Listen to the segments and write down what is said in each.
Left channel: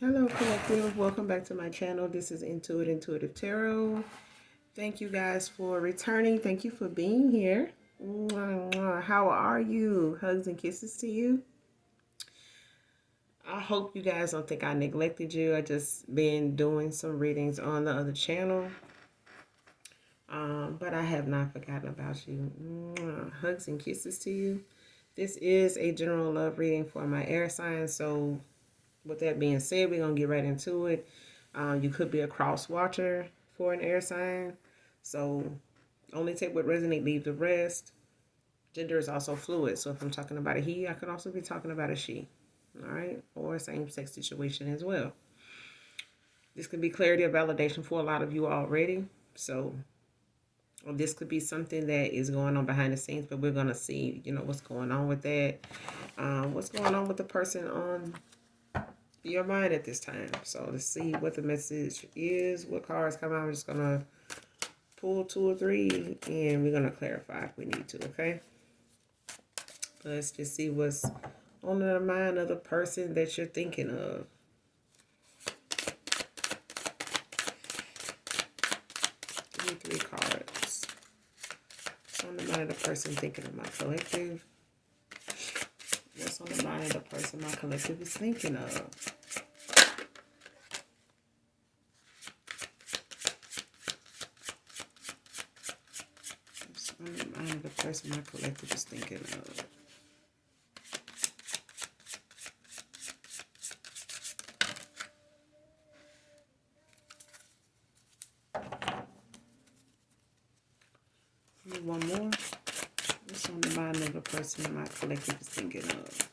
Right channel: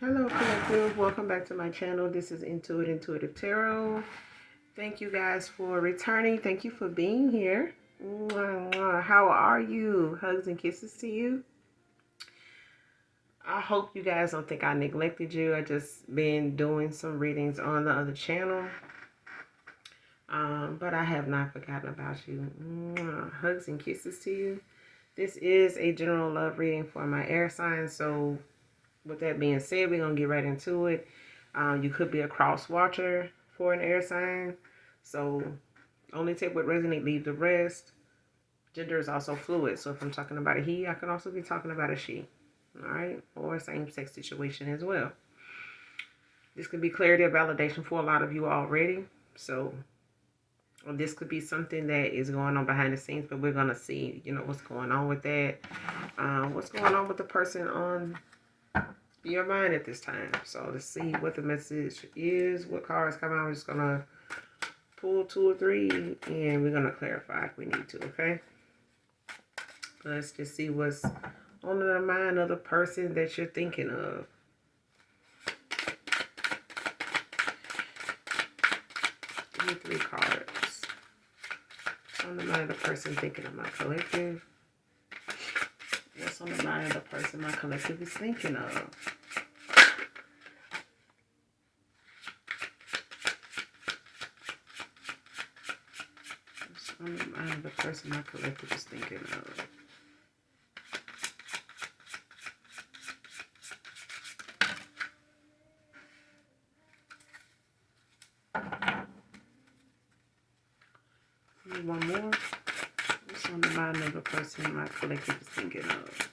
Hello, collective. Welcome back to my channel. This is Intuitive Tarot. Thank you guys for returning. Thank you for being here. How are you? Hugs and kisses to you. I hope you guys don't think I neglected you. I just been doing some readings on the other channel. But I have not forgotten about you. Hugs and kisses to you. This is a general love reading for my air sign. So with that being said, we're going to get right into it. You could be a cross watcher for an air sign. So only take what resonates, leave the rest. Gender is also fluid. So if I'm talking about a he, I can also be talking about a she. All right. Or same-sex situation as well. This could be clarity or validation for a lot of you already. So this could be something that is going on behind the scenes, but we're going to see, what's going on with that. What's going on with the person on your mind at this time. So let's see what the message is, what cards come out. We're just gonna pull 2 or 3 and we're gonna clarify if we need to. Okay, let's just see what's on the mind of the person that you're thinking of. Give me 3 cards. What's on the mind of the person thinking of my collective? What's on the mind of the person my collective is thinking of? On the mind of the person my collective is thinking of. One more. What's on the mind of the person my collective is thinking of?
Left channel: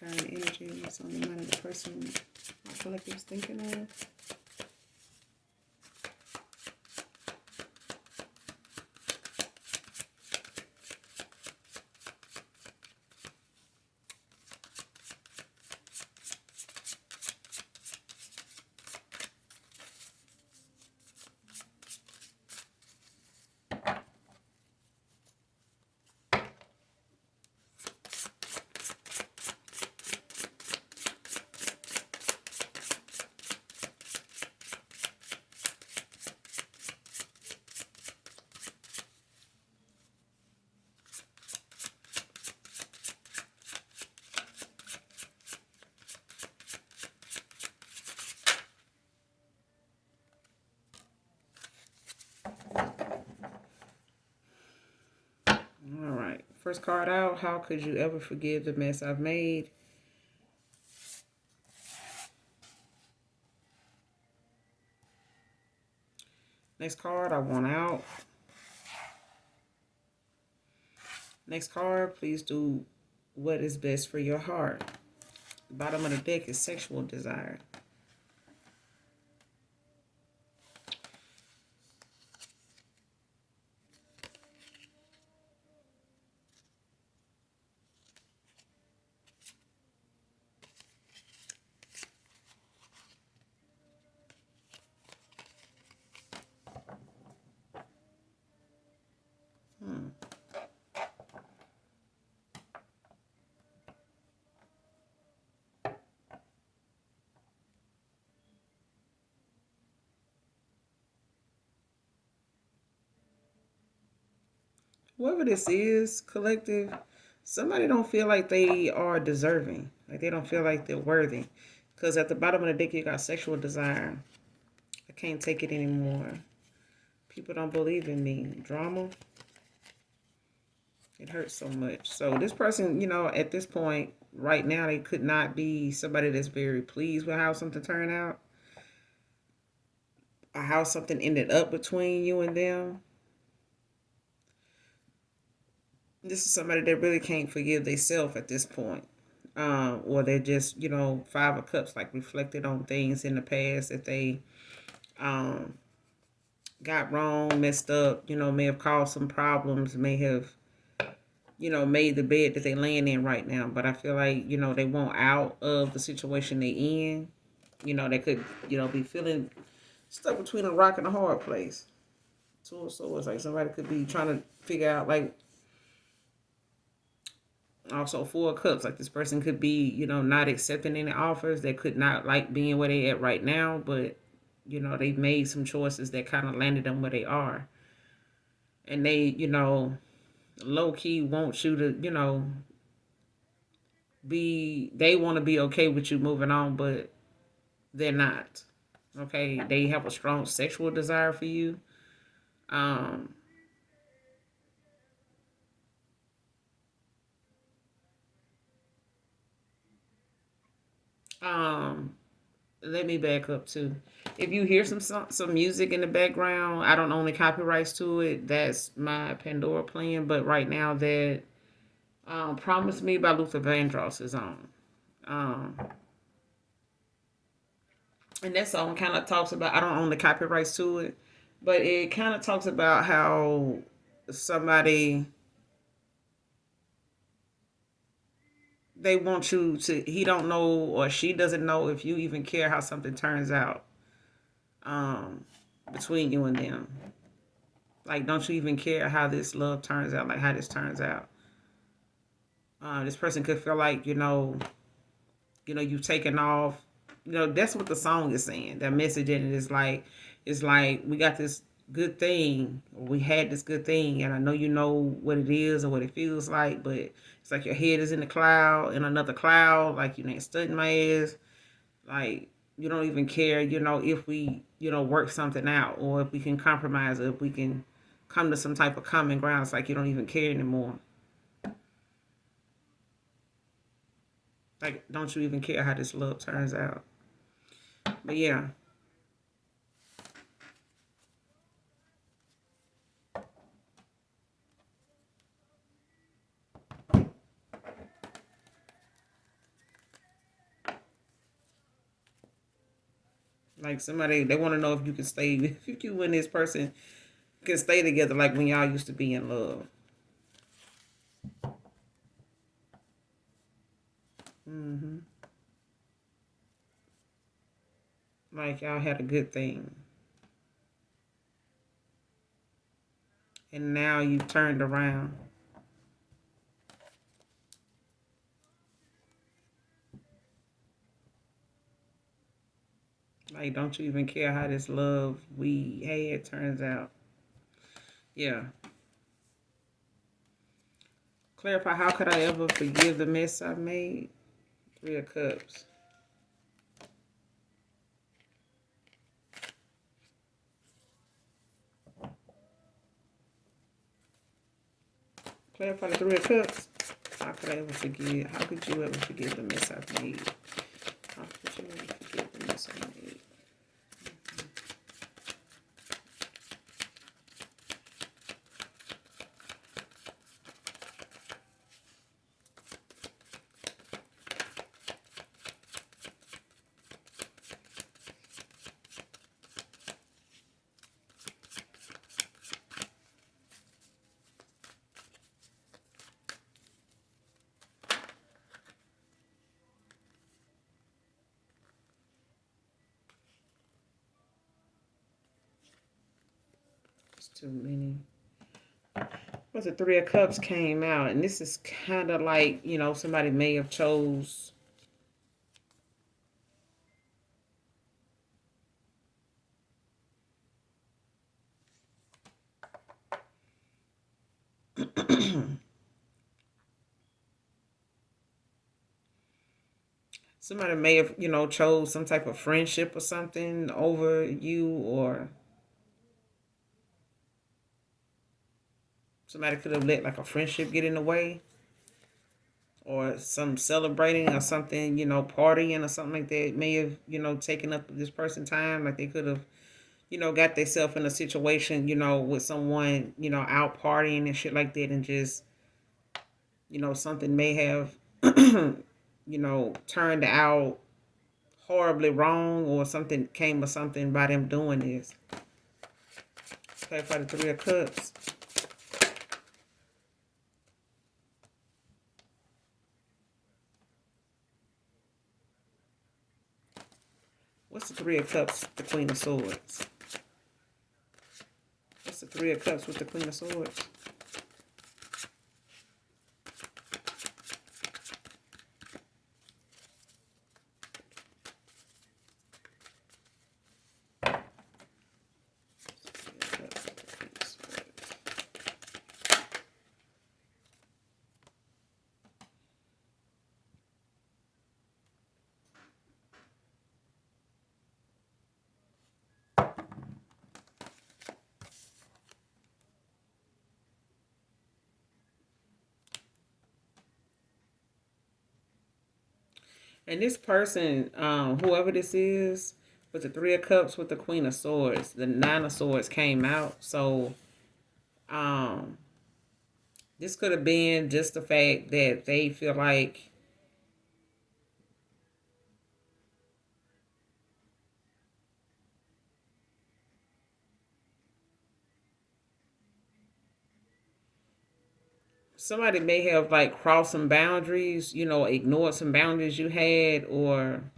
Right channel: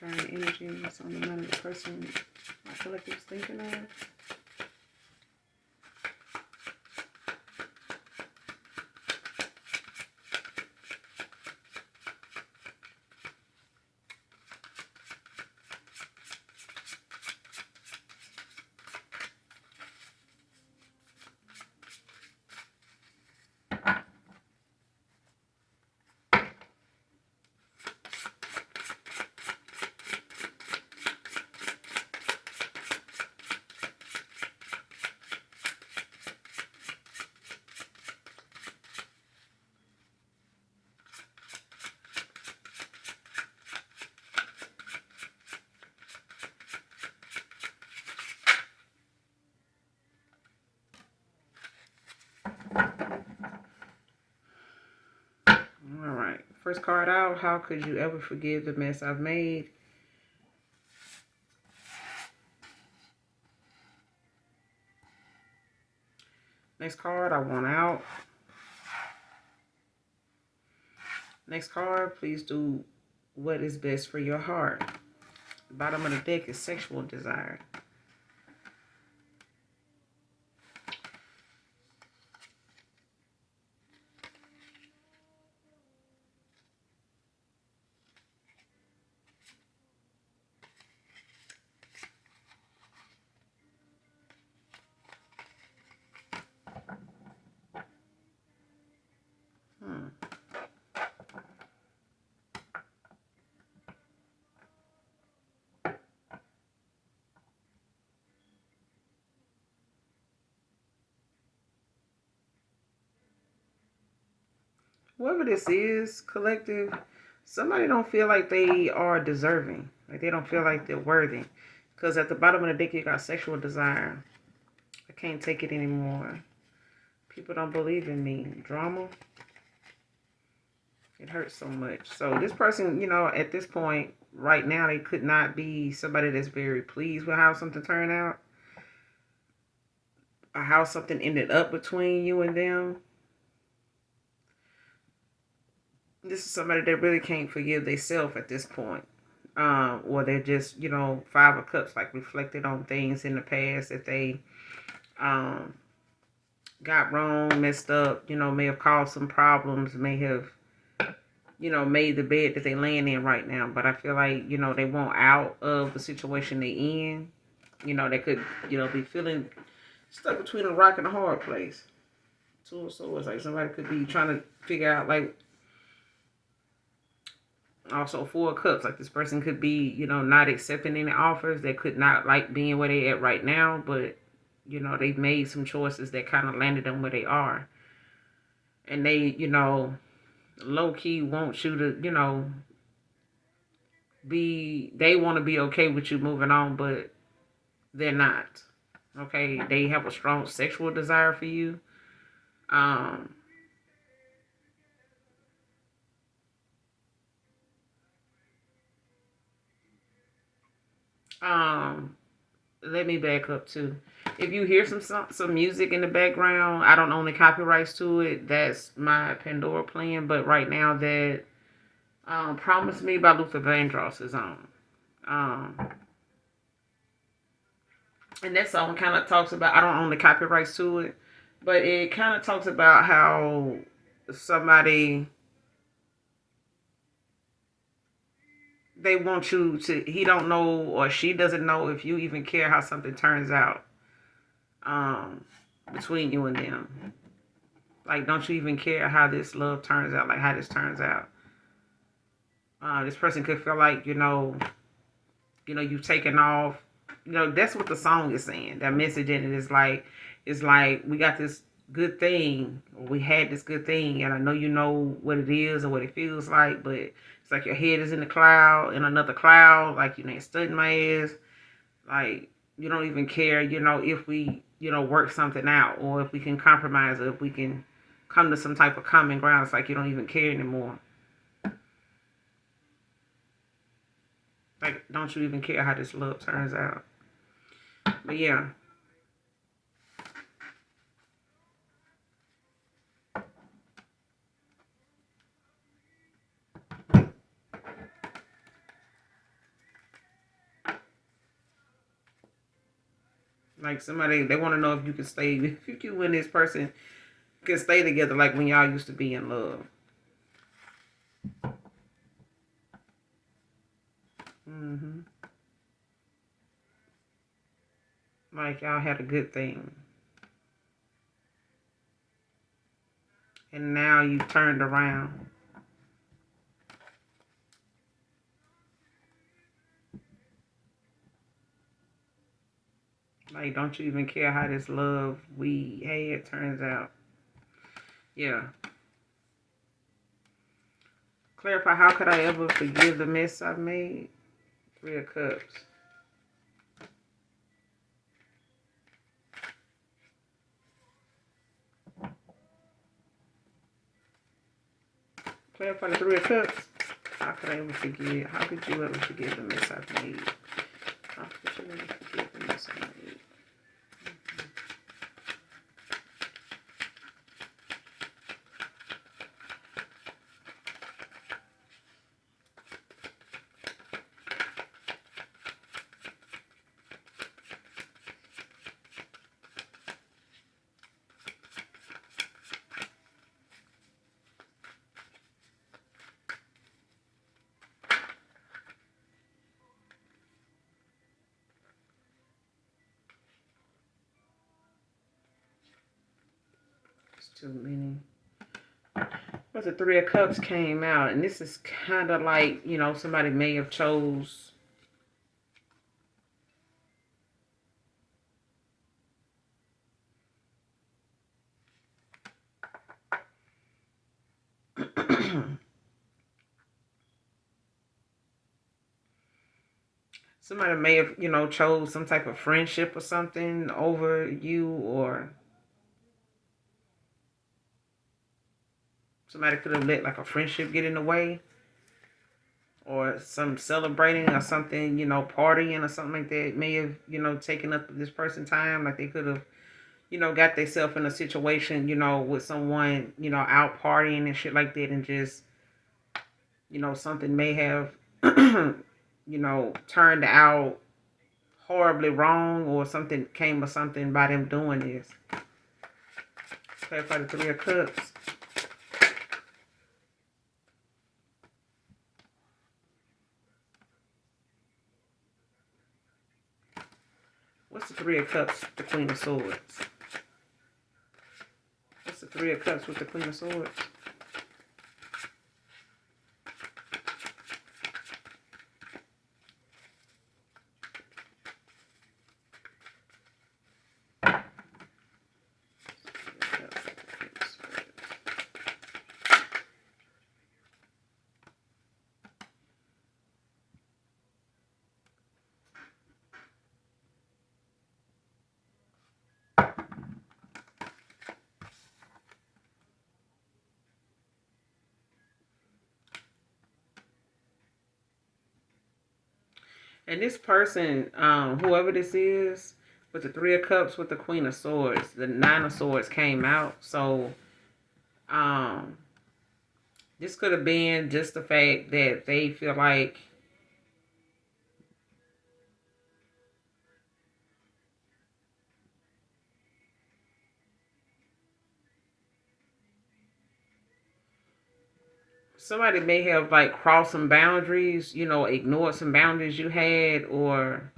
Current energy. What's on the mind of the person my collective is thinking of? All right. First card out. How could you ever forgive the mess I've made? Next card, I want out. Next card, please do what is best for your heart. The bottom of the deck is sexual desire. Whoever this is, collective, somebody don't feel like they are deserving. Like they don't feel like they're worthy. Because at the bottom of the deck, you got sexual desire. I can't take it anymore. People don't believe in me. Drama. It hurts so much. So this person, at this point, right now, they could not be somebody that's very pleased with how something turned out. Or how something ended up between you and them. This is somebody that really can't forgive themselves at this point. Or they're just, 5 of cups, like reflected on things in the past that they got wrong, messed up, may have caused some problems, may have, made the bed that they laying in right now. But I feel like, they want out of the situation they in. They could, be feeling stuck between a rock and a hard place. 2 of Swords, like somebody could be trying to figure out, like, Also, Four of Cups, like this person could be, not accepting any offers. They could not like being where they at right now, but they've made some choices that kind of landed them where they are, and they, low key want you to, be. They want to be okay with you moving on, but they're not. Okay, they have a strong sexual desire for you. Um, um, Let me back up too. If you hear some music in the background, I don't own the copyrights to it. That's my Pandora playing. But right now, that "Promise Me" by Luther Vandross is on. Um, and that song kind of talks about, I don't own the copyrights to it, but it kind of talks about how somebody, they want you to, he don't know or she doesn't know if you even care how something turns out, um, between you and them. Like, don't you even care how this love turns out, like how this turns out. This person could feel like, you've taken off. That's what the song is saying. That message in it is like, we got this good thing, or we had this good thing, and I know you know what it is or what it feels like, but it's like your head is in the cloud, in another cloud, like you ain't studying my ass. Like, you don't even care, if we, work something out, or if we can compromise, or if we can come to some type of common ground. It's like you don't even care anymore. Like, don't you even care how this love turns out? But yeah, like somebody, they want to know if you can stay, if you and this person can stay together like when y'all used to be in love. hmm Like y'all had a good thing, and now you turned around. Like, don't you even care how this love we had turns out? Yeah. Clarify, how could I ever forgive the mess I've made? Three of Cups. Clarify the Three of Cups. How could I ever forgive? How could you ever forgive the mess I've made? How could you ever forgive the mess I've made? It's too many. Because the Three of Cups came out, and this is kind of like, somebody may have chose. Somebody may have, chose some type of friendship or something over you, or somebody could have let like a friendship get in the way, or some celebrating or something, partying or something like that may have, taken up this person's time. Like they could have, got themselves in a situation, with someone, out partying and shit like that, and just, something may have, turned out horribly wrong, or something came of something by them doing this. Clarify the Three of Cups. What's the Three of Cups, the Queen of Swords? What's the Three of Cups with the Queen of Swords? And this person, whoever this is, with the Three of Cups, with the Queen of Swords, the Nine of Swords came out. So, um, this could have been just the fact that they feel like, somebody may have like crossed some boundaries, ignored some boundaries you had, or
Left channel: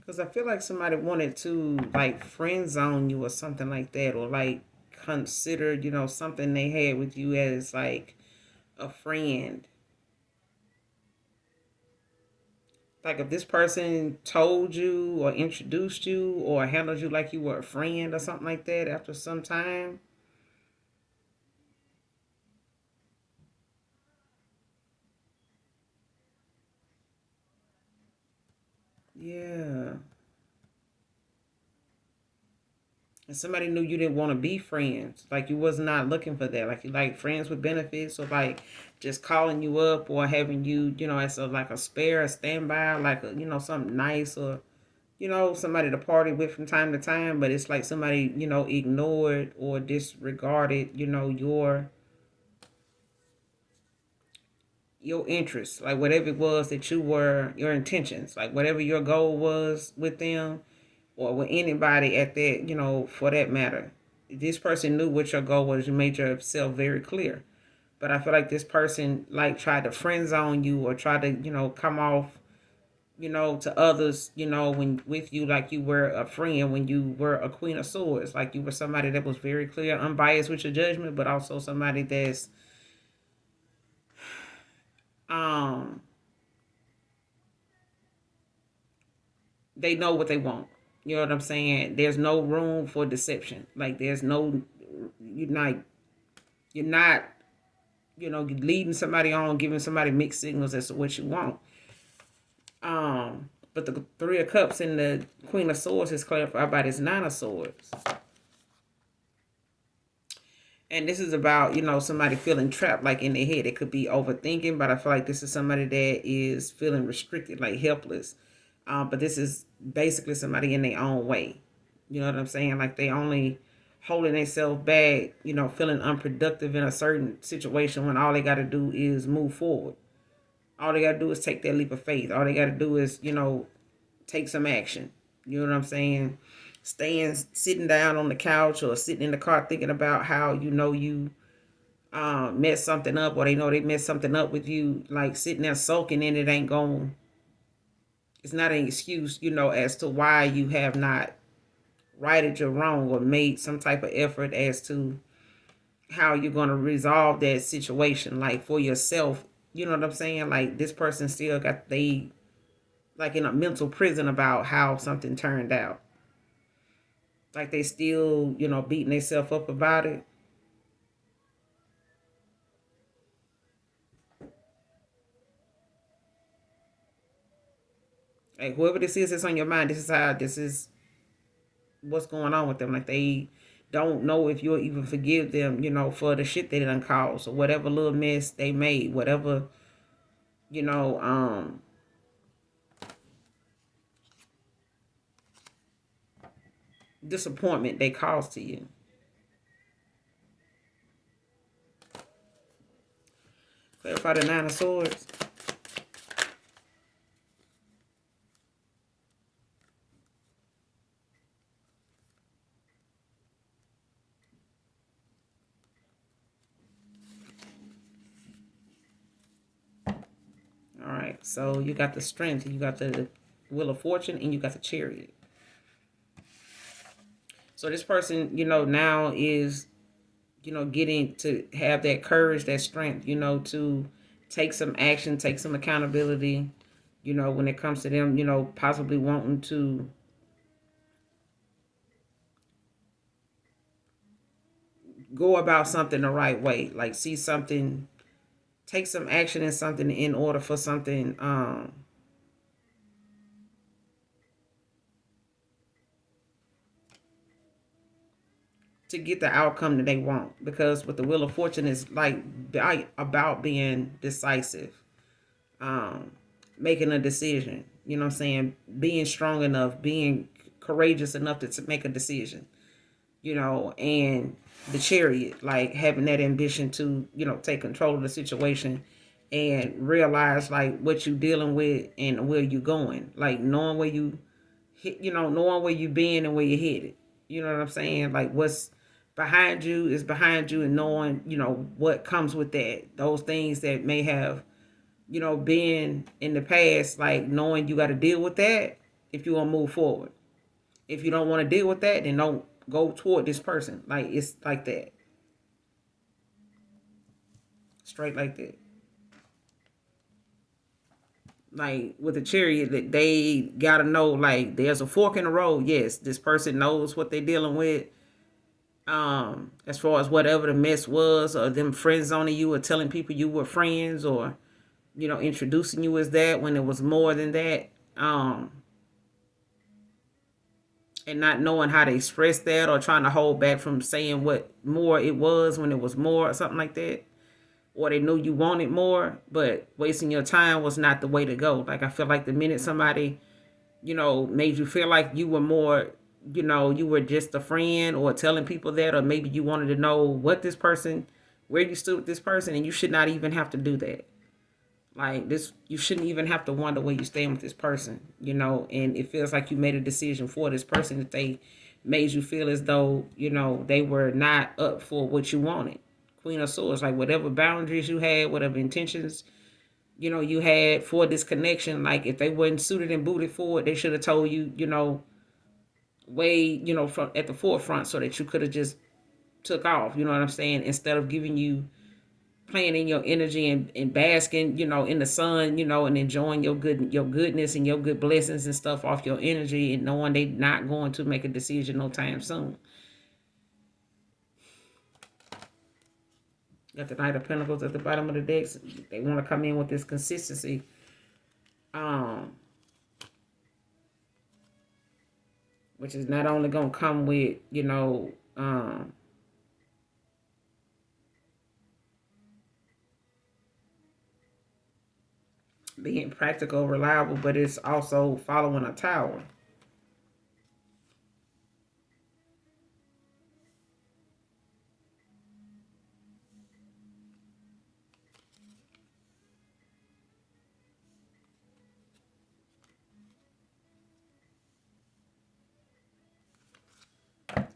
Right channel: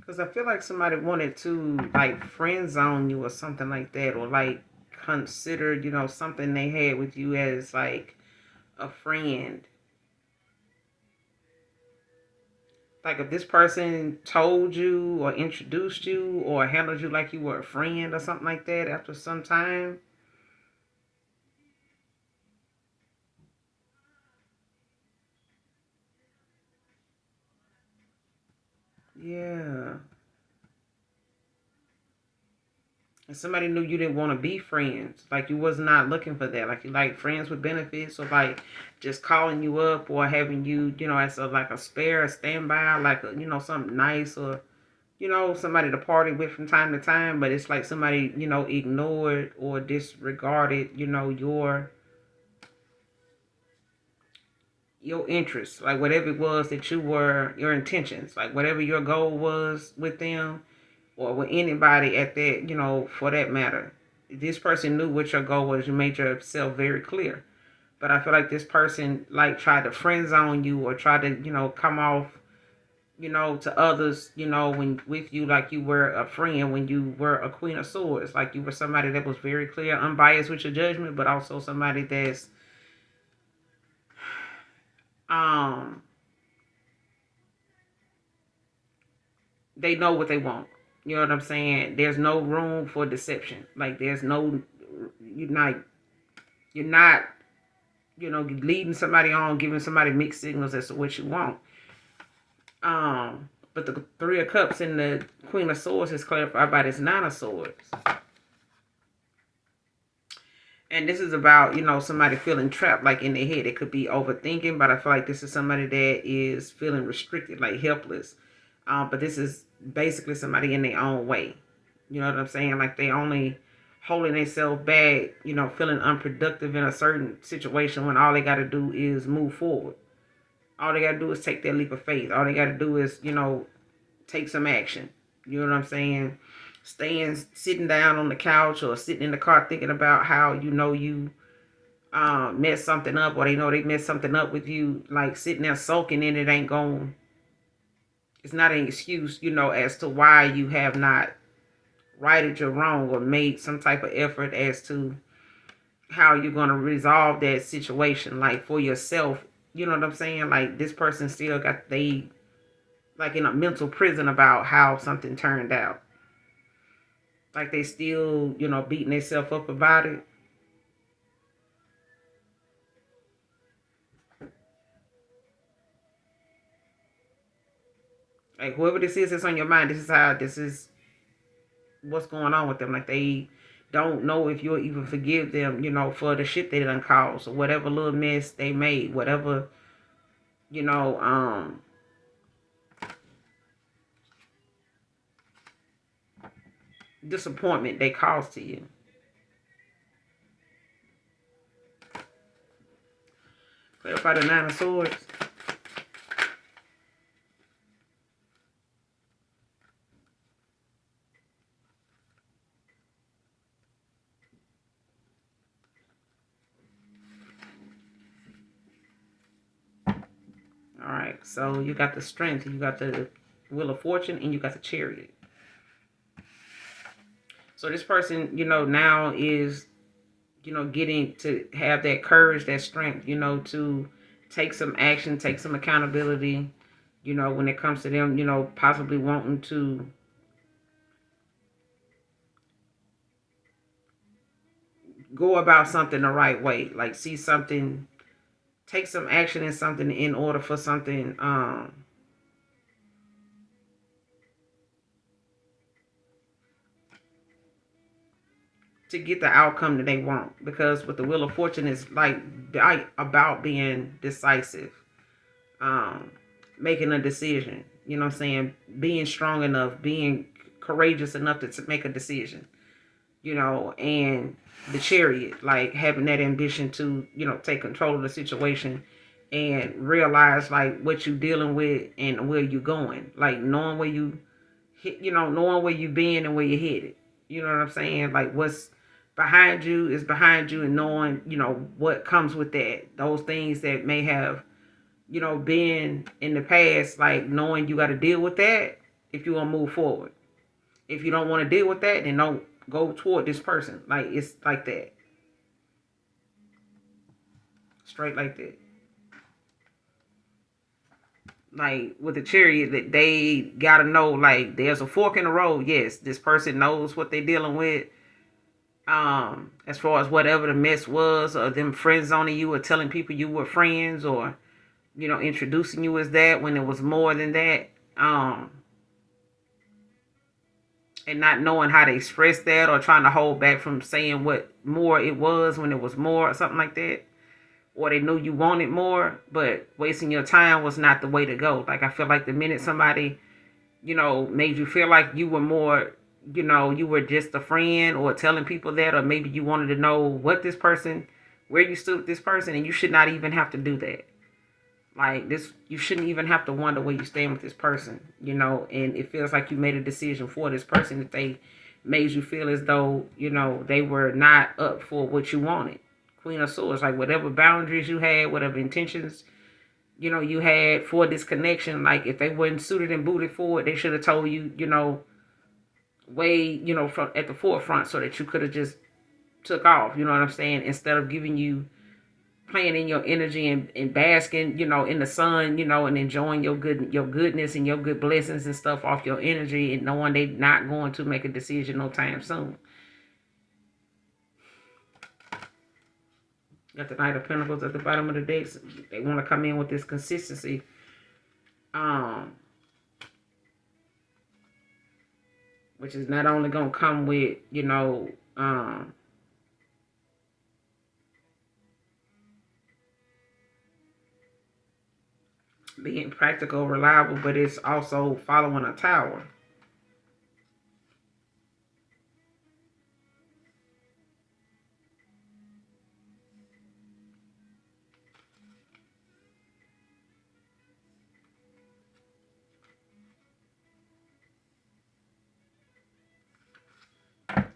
because I feel like somebody wanted to like friend zone you or something like that, or like consider, something they had with you as like a friend. Like if this person told you or introduced you or handled you like you were a friend or something like that after some time. Yeah. And somebody knew you didn't want to be friends. Like you was not looking for that. Like you like friends with benefits, or like just calling you up or having you, as a like a spare, a standby, like a, something nice, or somebody to party with from time to time. But it's like somebody, ignored or disregarded, your interests, like whatever it was that you were, your intentions, like whatever your goal was with them or with anybody at that, for that matter. This person knew what your goal was. You made yourself very clear. But I feel like this person like tried to friend zone you or try to, come off, to others, when with you like you were a friend, when you were a Queen of Swords, like you were somebody that was very clear, unbiased with your judgment, but also somebody that's um they know what they want. You know what I'm saying? There's no room for deception. Like there's no, you're not leading somebody on, giving somebody mixed signals as to what you want. But the Three of Cups and the Queen of Swords is clarified by this Nine of Swords. And this is about, somebody feeling trapped like in their head. It could be overthinking, but I feel like this is somebody that is feeling restricted, like helpless. But this is basically somebody in their own way. You know what I'm saying? Like they only holding themselves back, feeling unproductive in a certain situation when all they got to do is move forward. All they got to do is take that leap of faith. All they got to do is, take some action. You know what I'm saying? Staying, sitting down on the couch or sitting in the car thinking about how you messed something up, or they know they messed something up with you, like sitting there sulking in it ain't going. It's not an excuse, as to why you have not righted your wrong or made some type of effort as to how you're going to resolve that situation, like for yourself. You know what I'm saying? Like this person still got they like in a mental prison about how something turned out. Like they still, beating themselves up about it. Like whoever this is that's on your mind, this is what's going on with them. Like they don't know if you'll even forgive them, for the shit they done caused or whatever little mess they made, whatever, you know, um, disappointment they caused to you. Clarify the Nine of Swords. All right, so you got the Strength, you got the Wheel of Fortune, and you got the Chariot. So this person, now is, getting to have that courage, that strength, to take some action, take some accountability, when it comes to them, possibly wanting to go about something the right way. Like see something, take some action in something in order for something to get the outcome that they want. Because with the Wheel of Fortune is like about being decisive, um, making a decision. You know what I'm saying? Being strong enough, being courageous enough to make a decision. And the Chariot, like having that ambition to, take control of the situation and realize like what you dealing with and where you going. Like knowing where you knowing where you been and where you headed. You know what I'm saying? Like what's behind you is behind you, and knowing, what comes with that. Those things that may have, been in the past, like knowing you got to deal with that if you want to move forward. If you don't want to deal with that, then don't go toward this person. Like it's like that. Straight like that. Like with the Chariot, that they gotta know, like there's a fork in the road. Yes, this person knows what they're dealing with. As far as whatever the mess was, or them friend zoning you, or telling people you were friends, or introducing you as that when it was more than that. And not knowing how to express that, or trying to hold back from saying what more it was when it was more, or something like that. Or they knew you wanted more, but wasting your time was not the way to go. Like I feel like the minute somebody, made you feel like you were more, you were just a friend, or telling people that, or maybe you wanted to know what this person, where you stood with this person, and you should not even have to do that. Like this, you shouldn't even have to wonder where you stand with this person, and it feels like you made a decision for this person that they made you feel as though, they were not up for what you wanted. Queen of Swords, like whatever boundaries you had, whatever intentions, you had for this connection, like if they weren't suited and booted for it, they should have told you, way, from at the forefront, so that you could have just took off, you know what I'm saying, instead of giving you playing in your energy, and basking, in the sun, and enjoying your goodness and your good blessings and stuff off your energy, and knowing they not going to make a decision no time soon. Got the Knight of Pentacles at the bottom of the deck. They want to come in with this consistency. Which is not only going to come with, being practical, reliable, but it's also following a tower.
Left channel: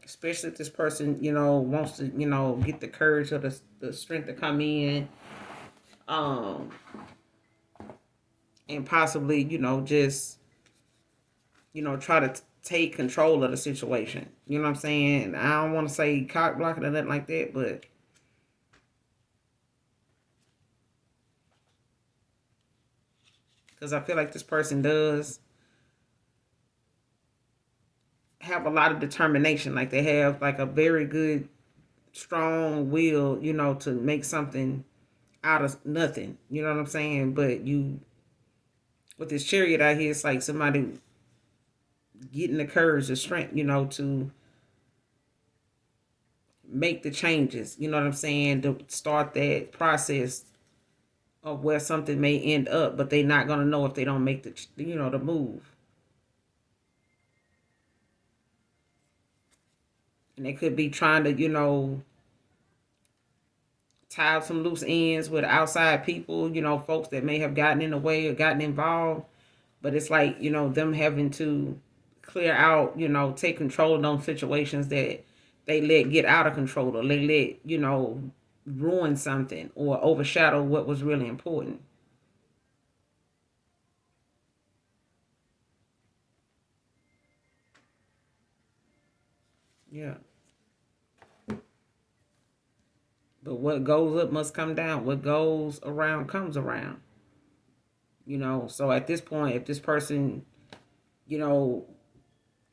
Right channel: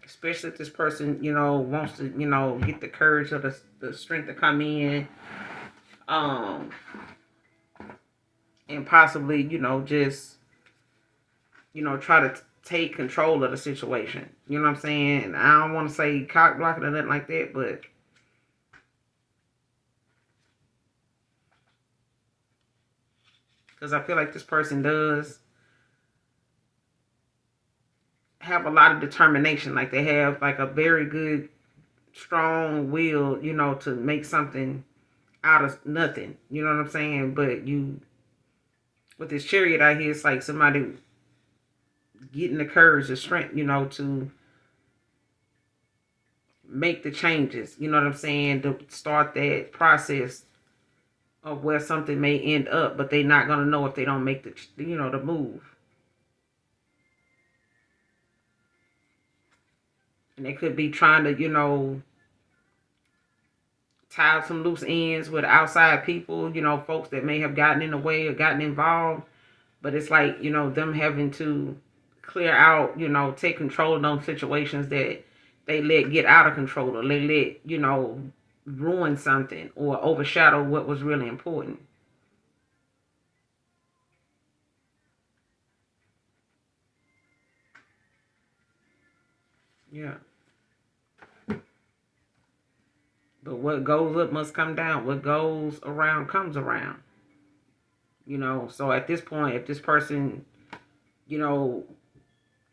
Especially if this person, wants to, get the courage or the strength to come in, um, and possibly, just, try to take control of the situation. You know what I'm saying? I don't want to say cock blocking or nothing like that, but because I feel like this person does have a lot of determination. Like they have like a very good, strong will, to make something out of nothing. You know what I'm saying? But with this Chariot out here, it's like somebody getting the courage, the strength, to make the changes. You know what I'm saying? To start that process of where something may end up, but they're not gonna know if they don't make the move. And they could be trying to, tie up some loose ends with outside people, folks that may have gotten in the way or gotten involved. But it's like, them having to clear out, take control of those situations that they let get out of control, or they let, ruin something or overshadow what was really important. Yeah. But what goes up must come down. What goes around comes around. So at this point, if this person, you know,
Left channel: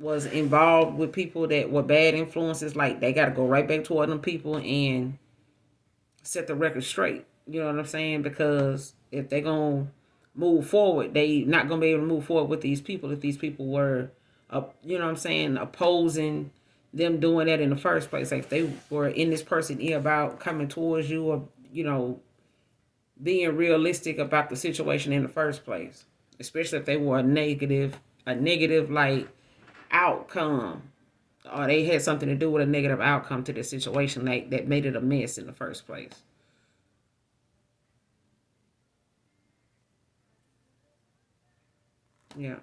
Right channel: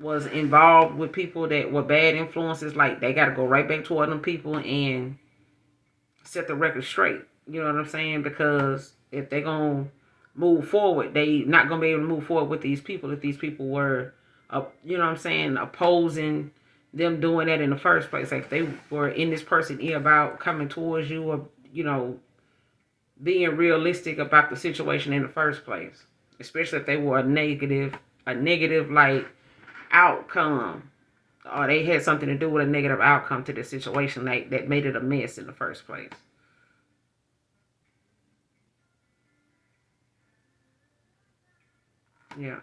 was involved with people that were bad influences, like they got to go right back toward them people and set the record straight. You know what I'm saying? Because if they're gonna move forward, they not gonna be able to move forward with these people if these people were, you know what I'm saying, opposing them doing that in the first place. Like if they were in this person ear about coming towards you, or being realistic about the situation in the first place, especially if they were a negative like outcome, or they had something to do with a negative outcome to the situation, like that made it a mess in the first place. Yeah.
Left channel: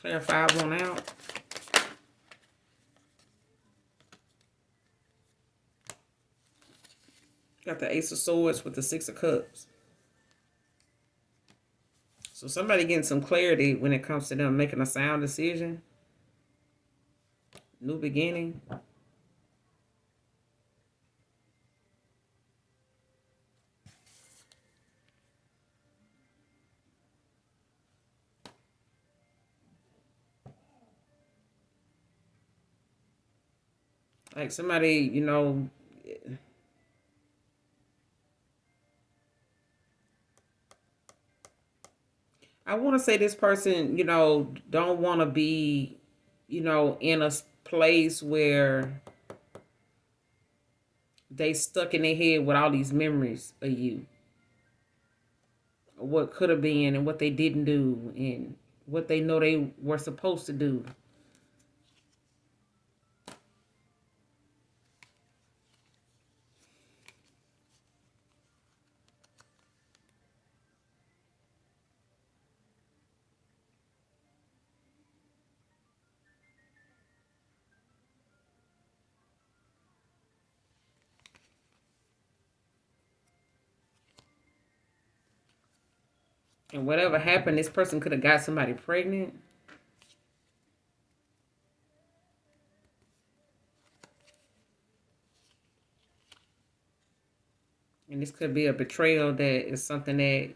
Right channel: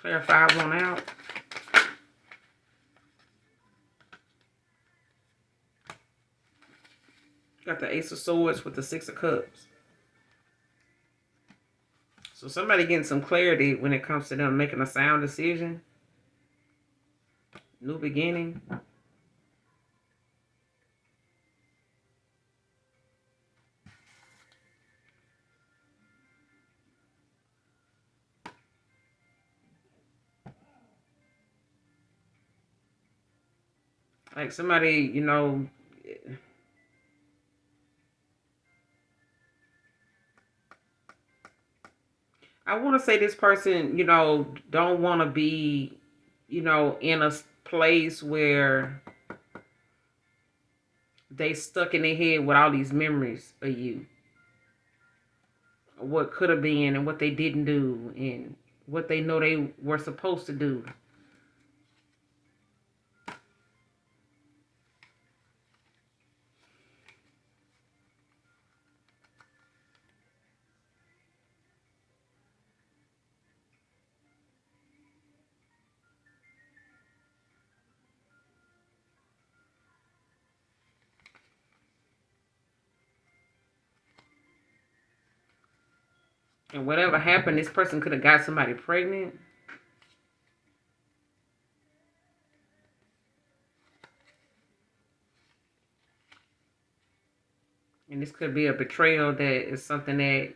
Clarify one out. Got the Ace of Swords with the Six of Cups. So somebody getting some clarity when it comes to them making a sound decision. New beginning. Like somebody, I want to say this person, don't want to be, in a place where they stuck in their head with all these memories of you, what could have been and what they didn't do and what they know they were supposed to do. And whatever happened, this person could have got somebody pregnant. And this could be a betrayal that is something that,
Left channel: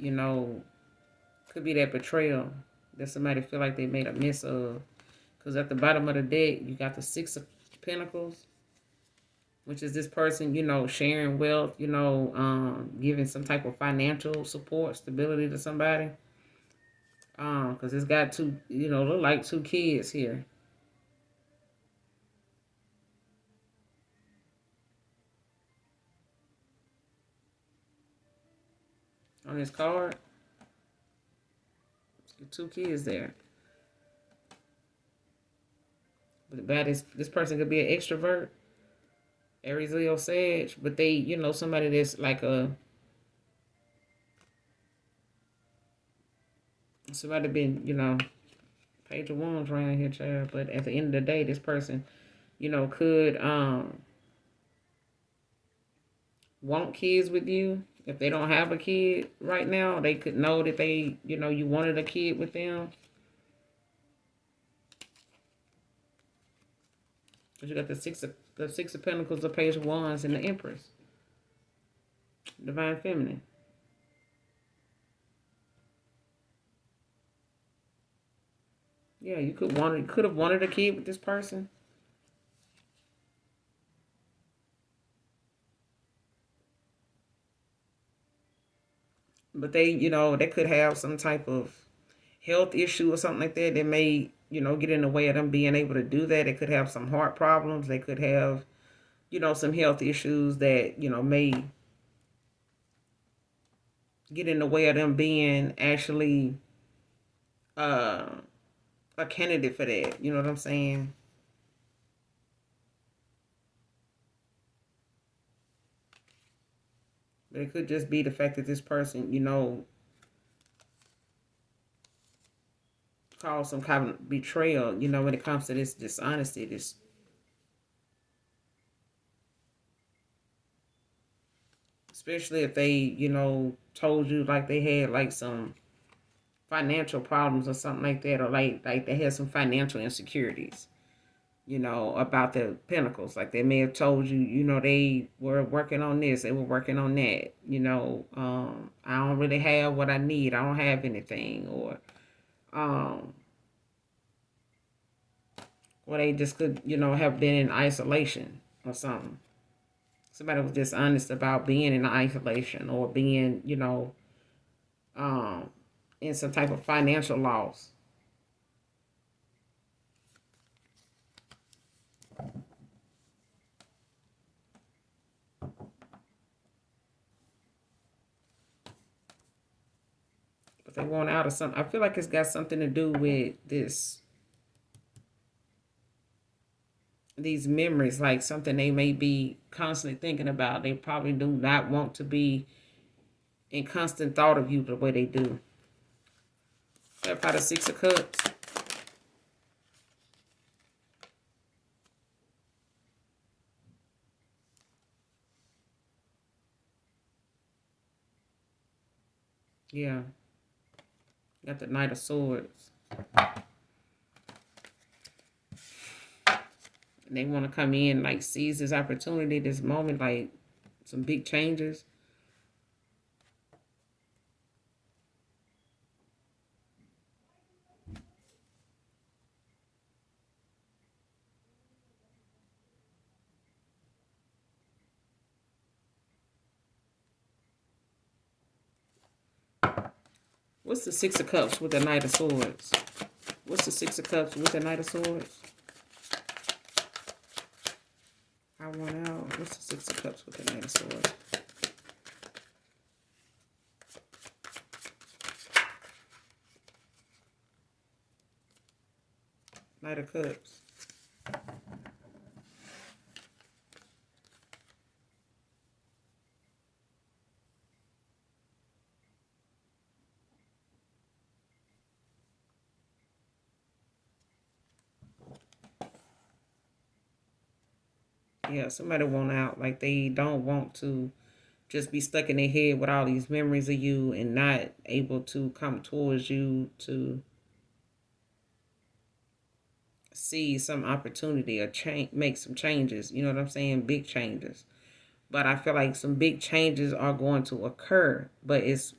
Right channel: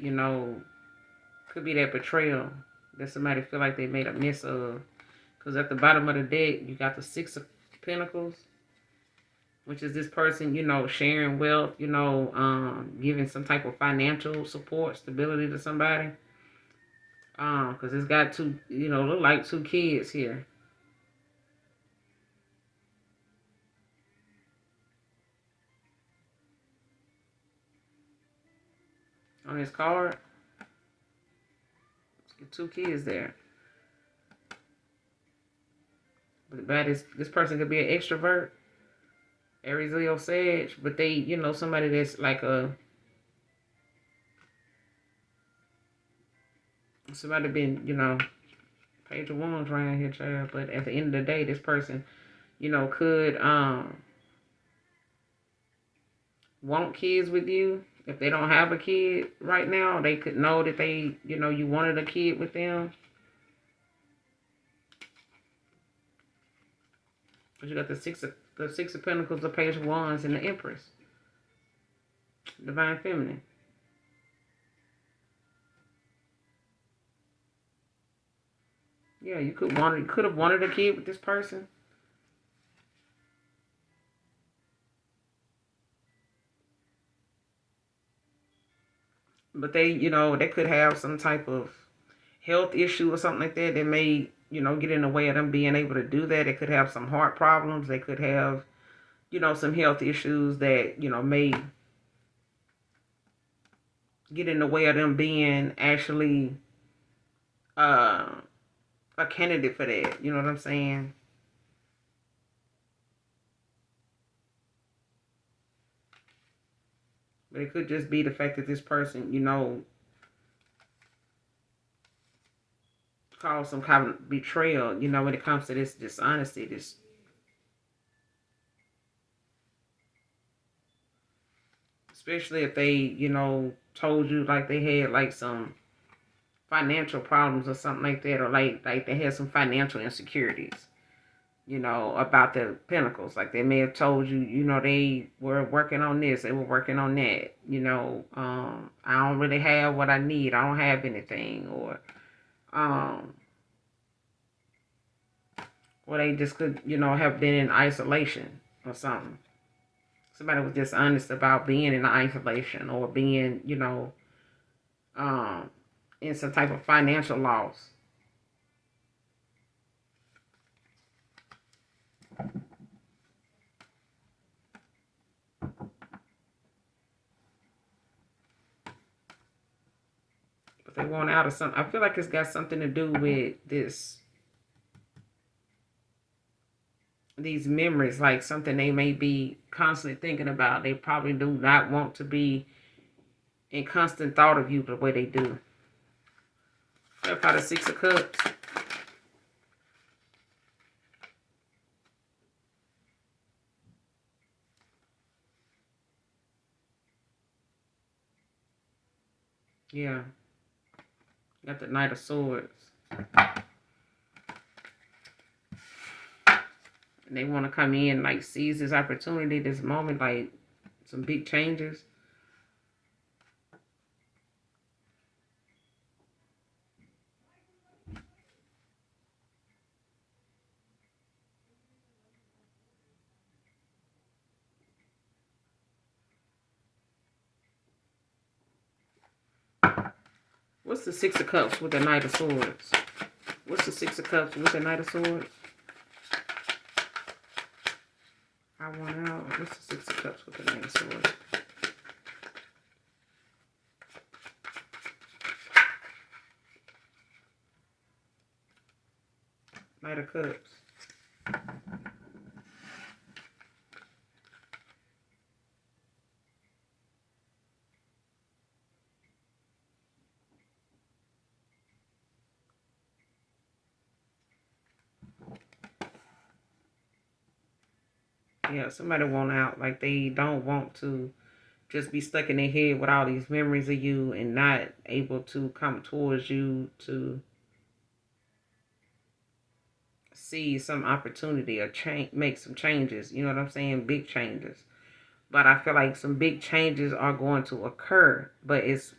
could be that betrayal that somebody feel like they made a mess of. Because at the bottom of the deck, you got the Six of Pentacles, which is this person, sharing wealth, giving some type of financial support, stability to somebody. Because it's got two, look like two kids here on this card. Two kids there. But this person could be an extrovert, Aries, Leo, Sag, but they, somebody that's like somebody been, Page of Wands around here, child. But at the end of the day, this person, could want kids with you. If they don't have a kid right now, they could know that they, you wanted a kid with them. But you got the Six of Pentacles, the Page of Wands, and the Empress, Divine Feminine. Yeah, you could have wanted a kid with this person. But they could have some type of health issue or something like that may, get in the way of them being able to do that. They could have some heart problems. They could have, some health issues that, may get in the way of them being actually uh, a candidate for that. You know what I'm saying? But it could just be the fact that this person, caused some kind of betrayal, when it comes to this dishonesty, this, especially if they, told you like they had like some financial problems or something like that, or like they had some financial insecurities. about the Pentacles. Like they may have told you, they were working on this, they were working on that. I don't really have what I need. I don't have anything, um, or they just could, have been in isolation or something. Somebody was just honest about being in isolation or being, um, in some type of financial loss. But they want out of something. I feel like it's got something to do with these memories, like something they may be constantly thinking about. They probably do not want to be in constant thought of you the way they do. What about the Six of Cups? Yeah, got the Knight of Swords. And they want to come in, like, seize this opportunity, this moment, like some big changes. What's the Six of Cups with the Knight of Swords? What's the Six of Cups with the Knight of Swords? I want out. What's the Six of Cups with the Knight of Swords? Knight of Cups. Yeah, somebody want out. Like they don't want to just be stuck in their head with all these memories of you and not able to come towards you to see some opportunity or change, make some changes. You know what I'm saying? Big changes. But I feel like some big changes are going to occur, but it's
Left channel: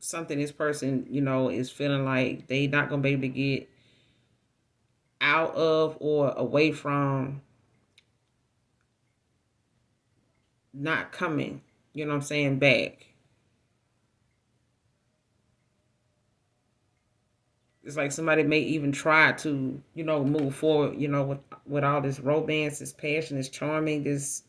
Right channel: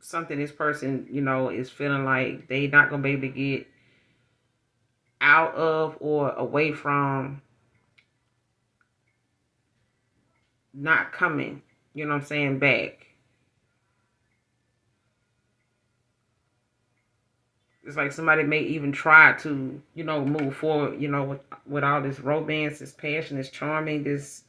something this person, is feeling like they not gonna be able to get out of or away from not coming. You know what I'm saying? Back. It's like somebody may even try to, move forward, with all this romance, this passion, this charming, this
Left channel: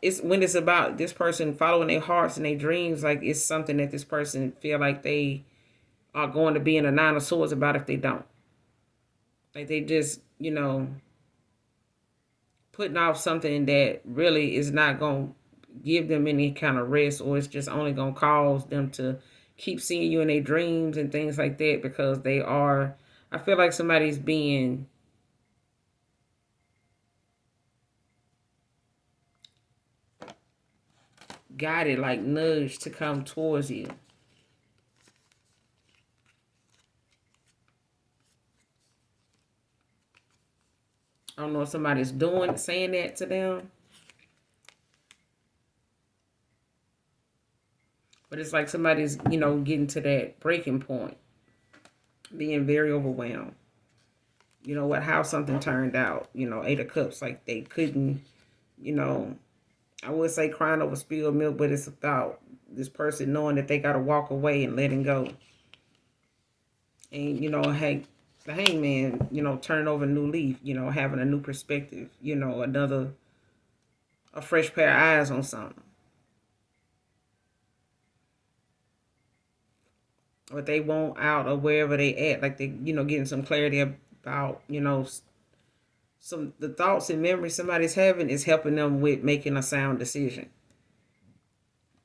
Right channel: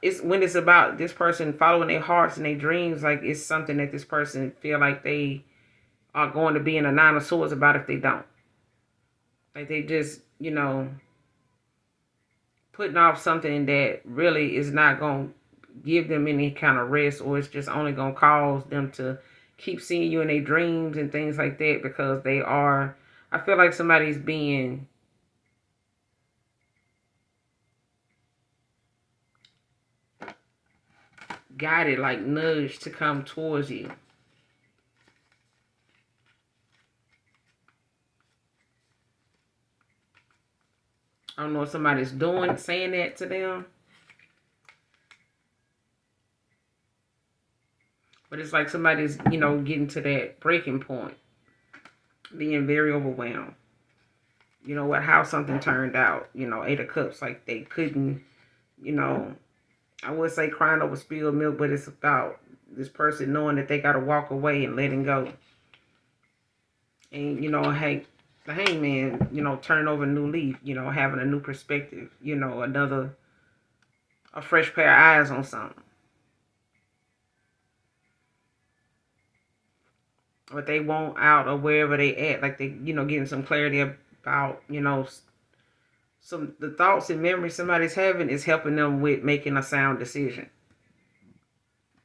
it's when it's about this person following their hearts and their dreams, like it's something that this person feel like they are going to be in a nine of swords about if they don't. Like they just, putting off something that really is not going to give them any kind of rest, or it's just only going to cause them to keep seeing you in their dreams and things like that, because they are, I feel like somebody's being guided, like nudged to come towards you. I don't know if somebody's saying that to them, but it's like somebody's, getting to that breaking point, being very overwhelmed. How something turned out, Eight of Cups, like they couldn't, you know, I would say crying over spilled milk, but it's about this person knowing that they got to walk away and letting go. And, hey, the hangman, turn over a new leaf, having a new perspective, a fresh pair of eyes on something. But they want out or wherever they at, like they, getting some clarity about, some the thoughts and memories somebody's having is helping them with making a sound decision.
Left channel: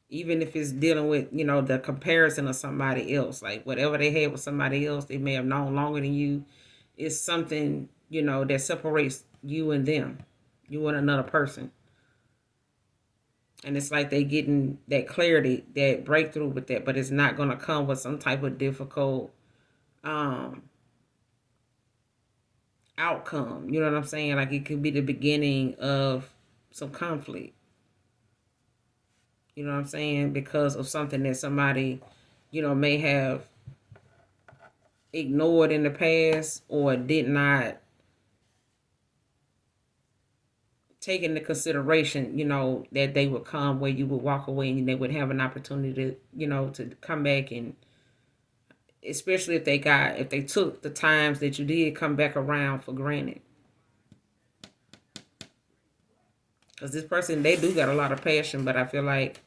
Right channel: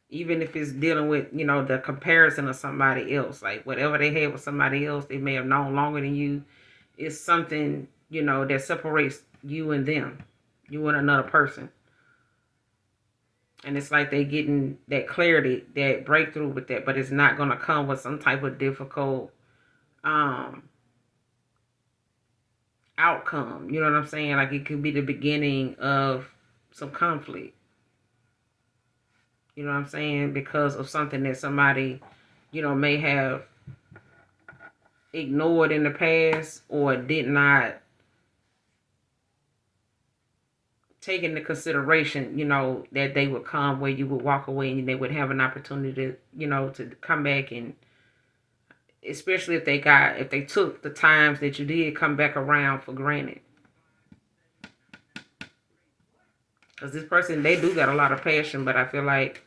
Even if it's dealing with, the comparison of somebody else, like whatever they had with somebody else, they may have known longer than you. It's something, that separates you and them, you and another person. And it's like they getting that clarity, that breakthrough with that, but it's not going to come with some type of difficult um outcome. You know what I'm saying? Like it could be the beginning of some conflict. You know what I'm saying? Because of something that somebody, may have ignored in the past or did not take into consideration, that they would come where you would walk away and they would have an opportunity to, to come back, and especially if they took the times that you did come back around for granted. Because this person, they do got a lot of passion, but I feel like,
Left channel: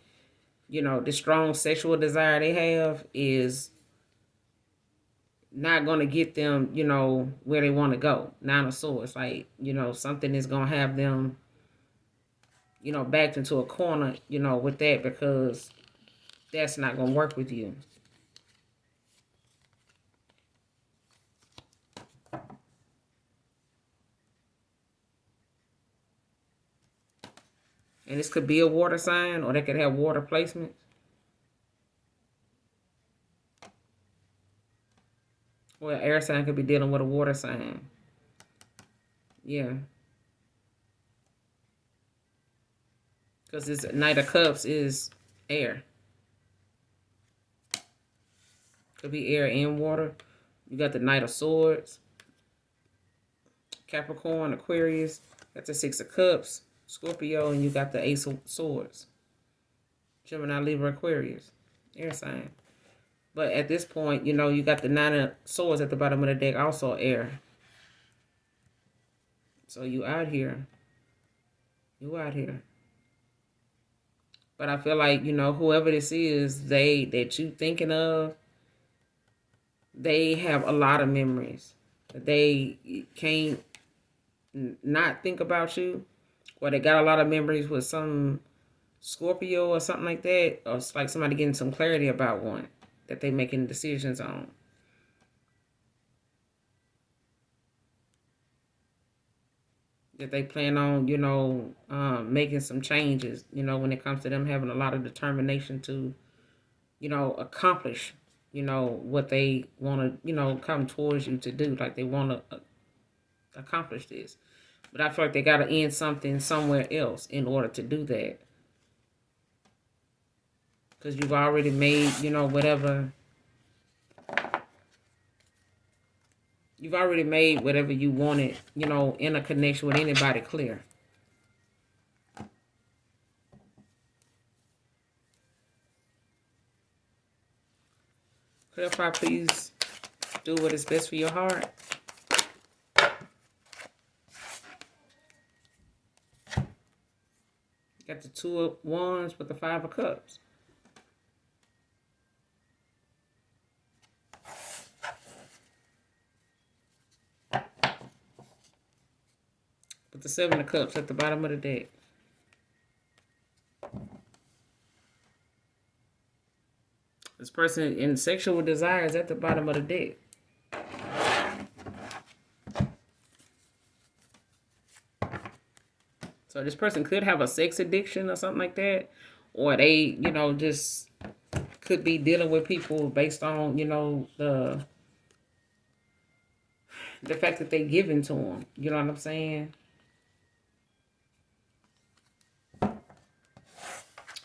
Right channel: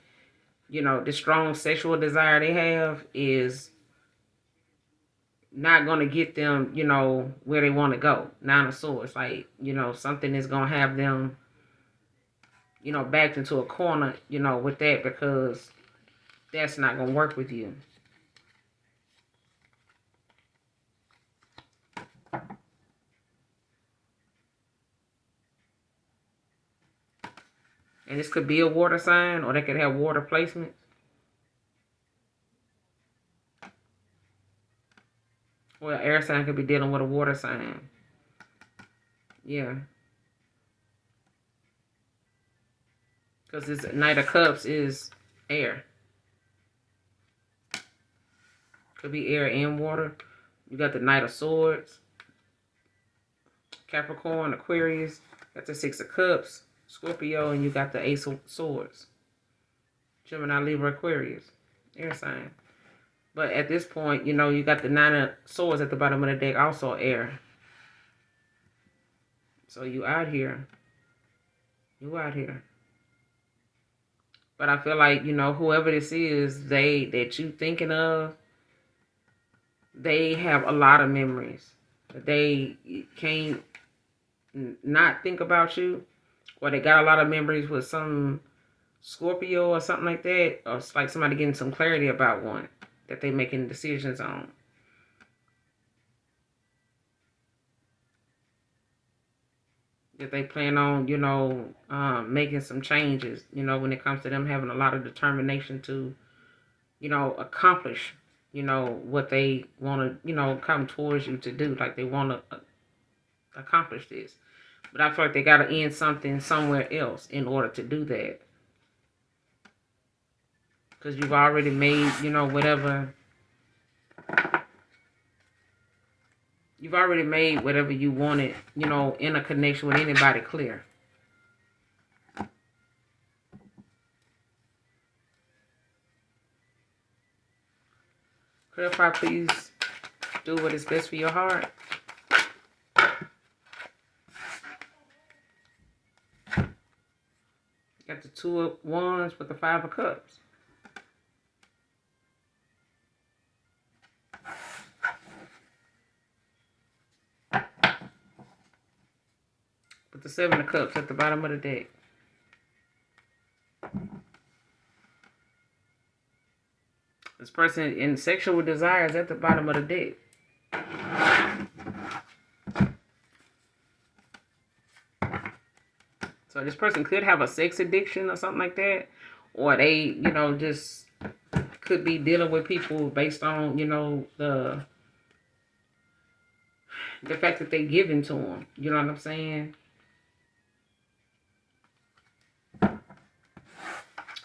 the strong sexual desire they have is not going to get them, where they want to go. Nine of Swords, like, something is going to have them, backed into a corner, with that, because that's not going to work with you. And this could be a water sign, or they could have water placements. Well, air sign could be dealing with a water sign. Yeah. Because this Knight of Cups is air. Could be air and water. You got the Knight of Swords. Capricorn, Aquarius. Got the Six of Cups. Scorpio, and you got the Ace of Swords. Gemini, Libra, Aquarius. Air sign. But at this point, you got the Nine of Swords at the bottom of the deck, also air. So you out here. You out here. But I feel like, whoever this is, that you thinking of, they have a lot of memories. They can't not think about you. Or they got a lot of memories with some Scorpio or something like that. Or it's like somebody getting some clarity about one that they making decisions on. That they plan on, making some changes, when it comes to them having a lot of determination to, accomplish, what they want to, come towards you to do. Like they want to accomplish this. But I feel like they got to end something somewhere else in order to do that. Because you've already made, whatever. You've already made whatever you wanted, in a connection with anybody clear. Clarify, please. Do what is best for your heart. Got the Two of Wands with the Five of Cups. With the Seven of Cups at the bottom of the deck. This person in sexual desires at the bottom of the deck. So this person could have a sex addiction or something like that. Or they, just could be dealing with people based on, the fact that they're giving to them. You know what I'm saying?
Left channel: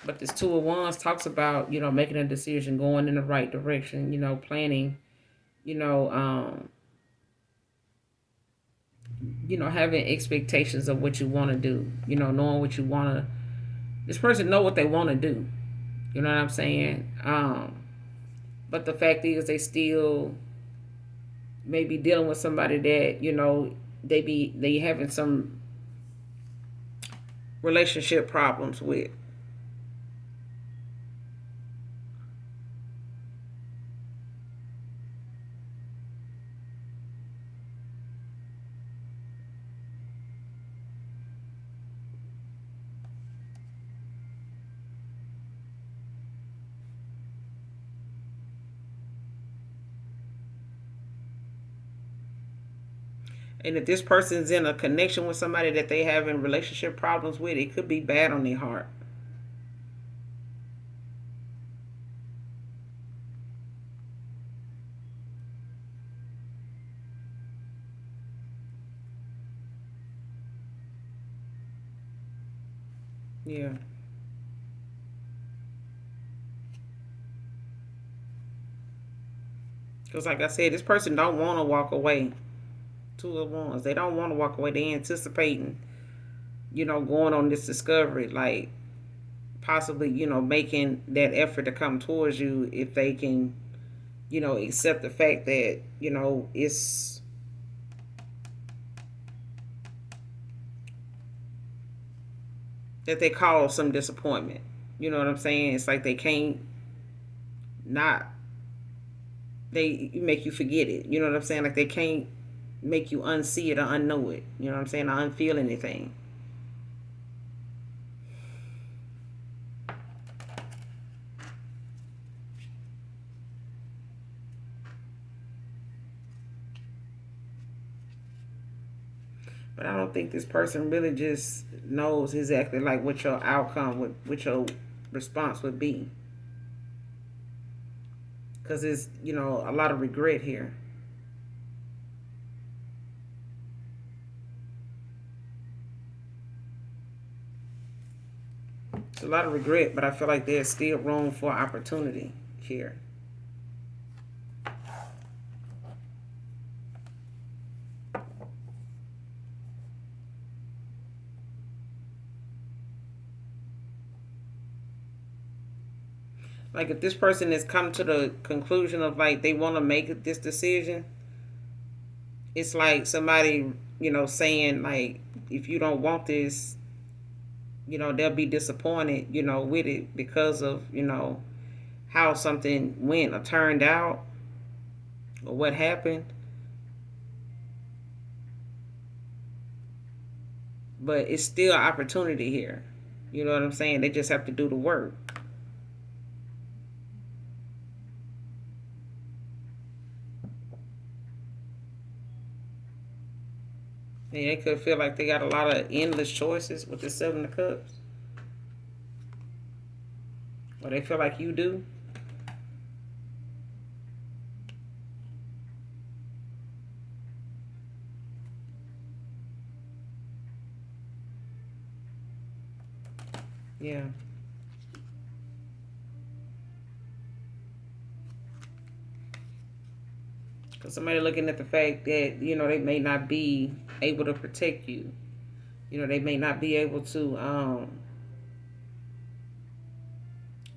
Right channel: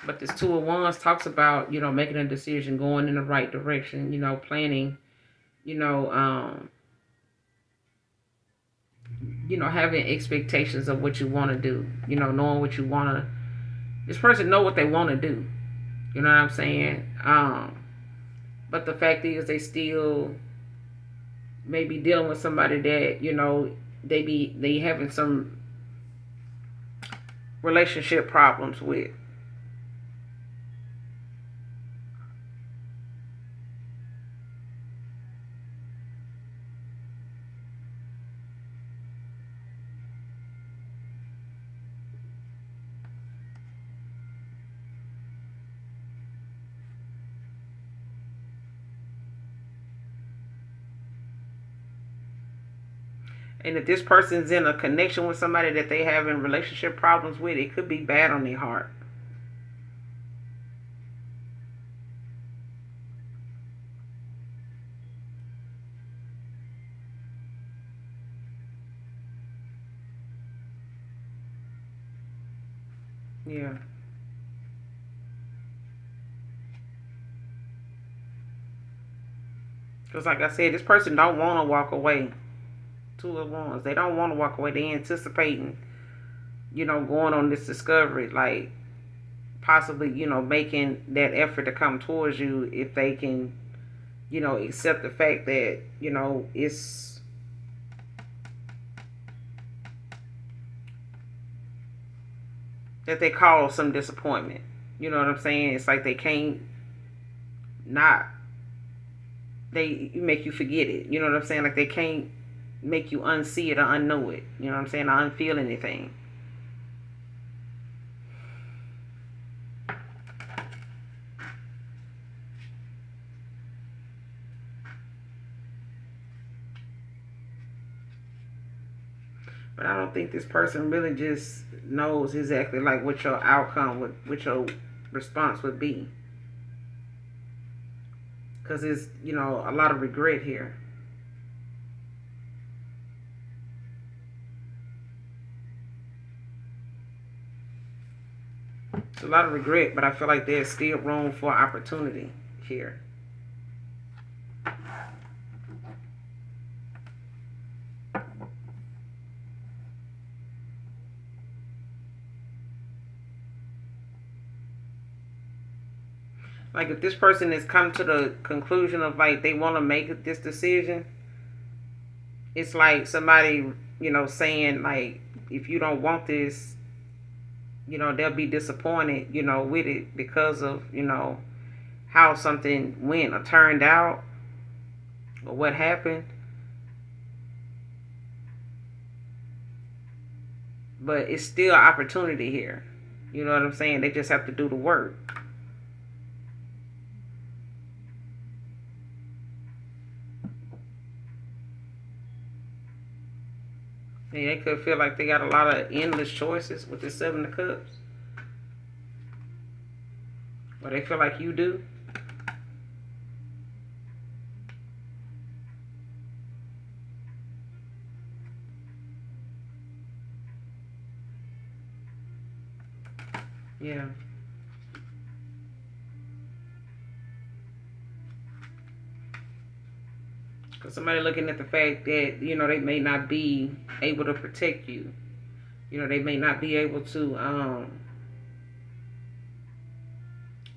But this Two of Wands talks about, making a decision, going in the right direction, planning, having expectations of what you want to do, knowing what you want to. This person know what they want to do. You know what I'm saying? But the fact is they still may be dealing with somebody that, they having some relationship problems with. And if this person's in a connection with somebody that they having relationship problems with, it could be bad on their heart. Yeah. Because like I said, this person don't want to walk away. Two of Wands. They don't want to walk away. They anticipating, going on this discovery, like possibly, making that effort to come towards you if they can, accept the fact that, it's that they cause some disappointment. You know what I'm saying? It's like they can't not they make you forget it. You know what I'm saying? Like they can't make you unsee it or unknow it. You know what I'm saying? Or unfeel anything. But I don't think this person really just knows exactly like what your outcome would, what your response would be. Because there's, a lot of regret here. It's a lot of regret, but I feel like there's still room for opportunity here. Like if this person has come to the conclusion of like they want to make this decision, it's like somebody, saying like if you don't want this, they'll be disappointed, with it because of, how something went or turned out or what happened. But it's still opportunity here. You know what I'm saying? They just have to do the work. And they could feel like they got a lot of endless choices with the Seven of Cups. Or they feel like you do. Yeah. Because somebody looking at the fact that, they may not be able to protect you. They may not be able to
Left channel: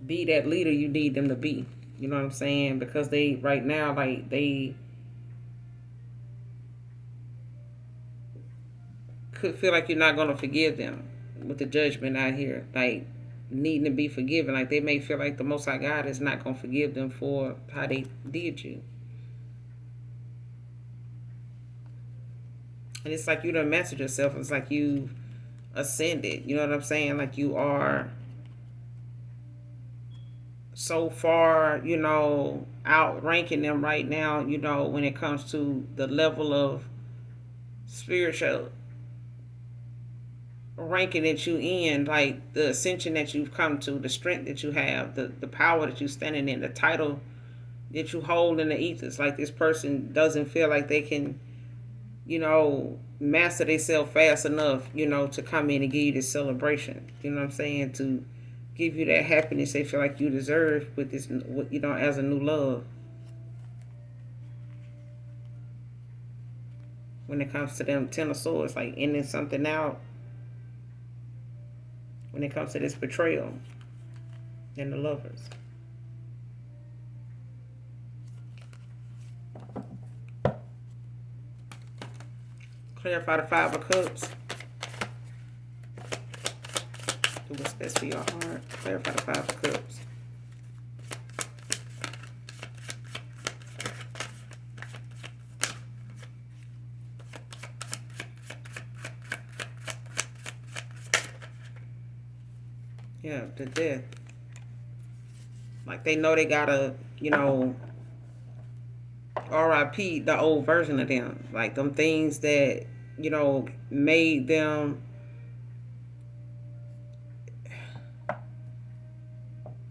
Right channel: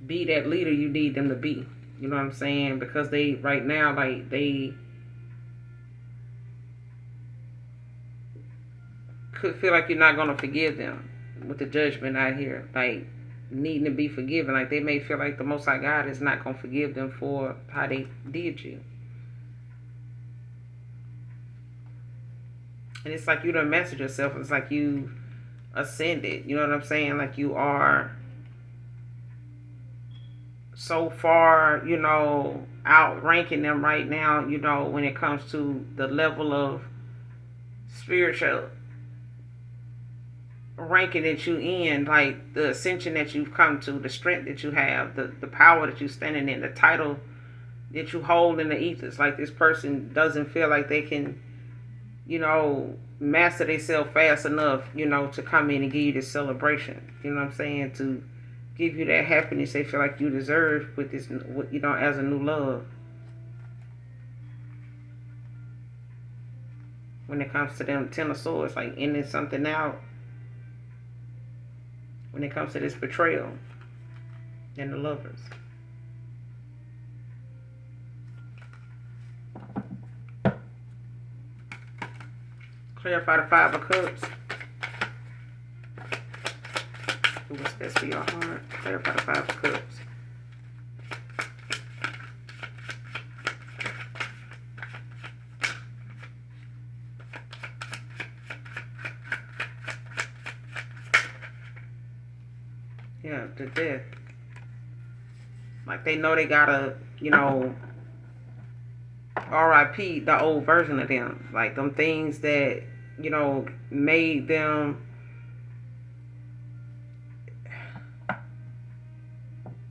be that leader you need them to be. You know what I'm saying? Because they, right now, like, they could feel like you're not going to forgive them with the judgment out here. Like, needing to be forgiven. Like, they may feel like the Most High God is not going to forgive them for how they did you. And it's like you done mastered yourself. It's like you ascended. You know what I'm saying? Like you are so far, outranking them right now, when it comes to the level of spiritual ranking that you in, like the ascension that you've come to, the strength that you have, the power that you're standing in, the title that you hold in the ethers. Like this person doesn't feel like they can, master themselves fast enough, to come in and give you this celebration. You know what I'm saying? To give you that happiness they feel like you deserve with this, as a new love. When it comes to them Ten of Swords, like ending something out. When it comes to this betrayal and the Lovers. Clarify the Five of Cups. Do what's best for your heart. Clarify the Five of Cups. Yeah, the Death. Like they know they gotta, RIP the old version of them. Like them things that, made them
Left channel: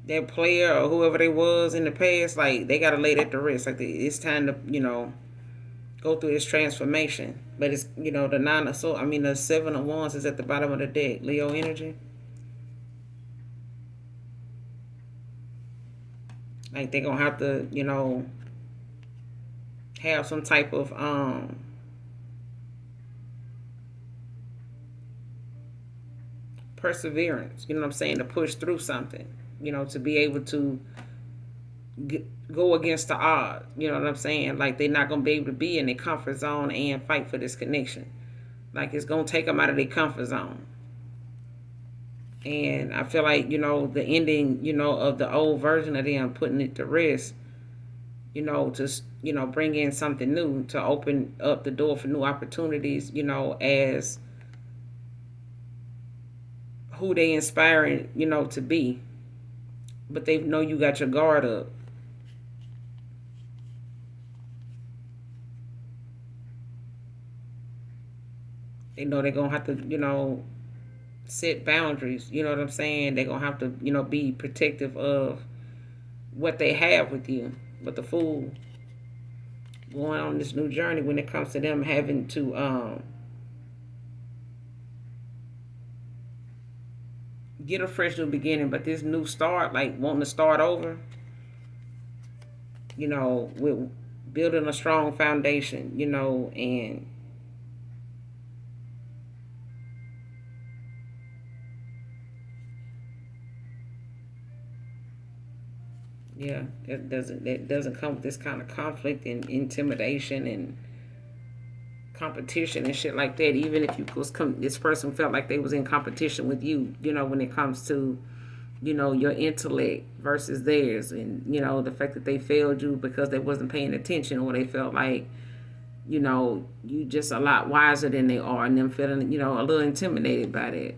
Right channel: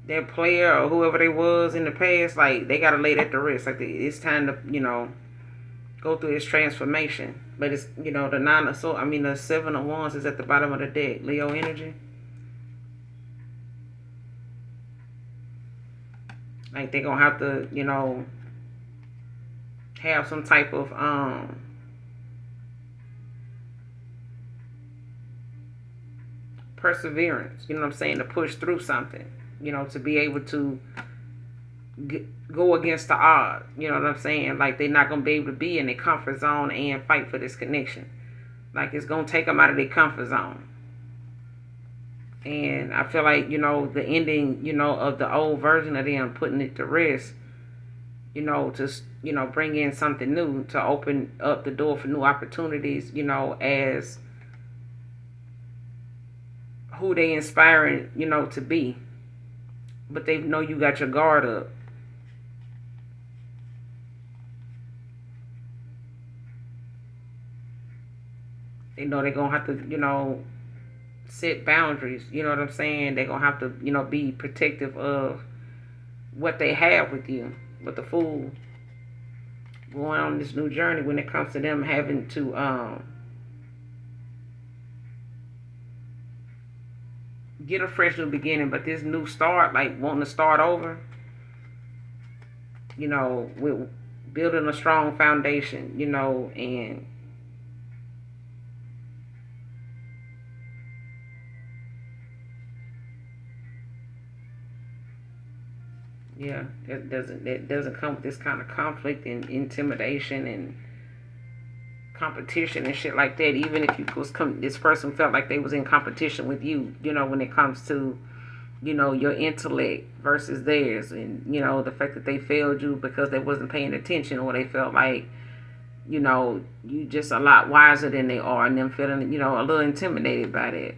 their player or whoever they was in the past. Like they gotta lay that to rest. Like it's time to, go through this transformation. But it's, the Nine of Swords, the Seven of Wands is at the bottom of the deck. Leo energy. Like they're gonna have to, have some type of perseverance, you know what I'm saying, to push through something, to be able to go against the odds, you know what I'm saying? Like they're not gonna be able to be in their comfort zone and fight for this connection. Like it's gonna take them out of their comfort zone. And I feel like, the ending, of the old version of them, putting it to rest, to, bring in something new, to open up the door for new opportunities, as who they inspiring, to be. But they know you got your guard up. They know they're gonna have to, set boundaries. You know what I'm saying? They're gonna have to, be protective of what they have with you. But the fool going on this new journey when it comes to them having to get a fresh new beginning, but this new start, like wanting to start over, with building a strong foundation, and yeah, that doesn't come with this kind of conflict and intimidation and competition and shit like that. Even if this person felt like they was in competition with you, when it comes to, your intellect versus theirs, and the fact that they failed you because they wasn't paying attention, or they felt like, you just a lot wiser than they are, and them feeling, a little intimidated by that.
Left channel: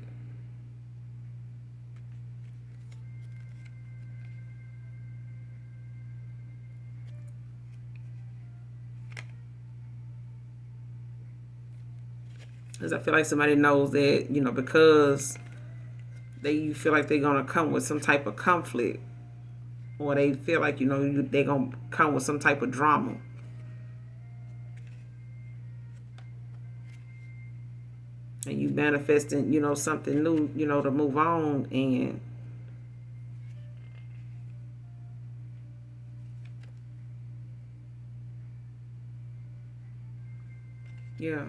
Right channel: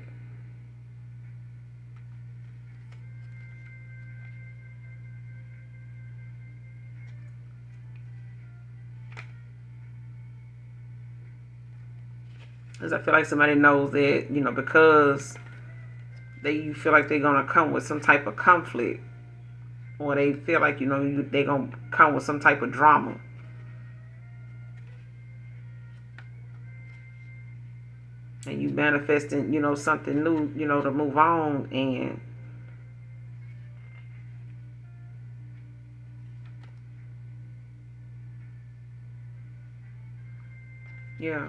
Because I feel like somebody knows that, because you feel like they're gonna come with some type of conflict, or they feel like, they're gonna come with some type of drama. And you manifesting, something new, to move on. And yeah.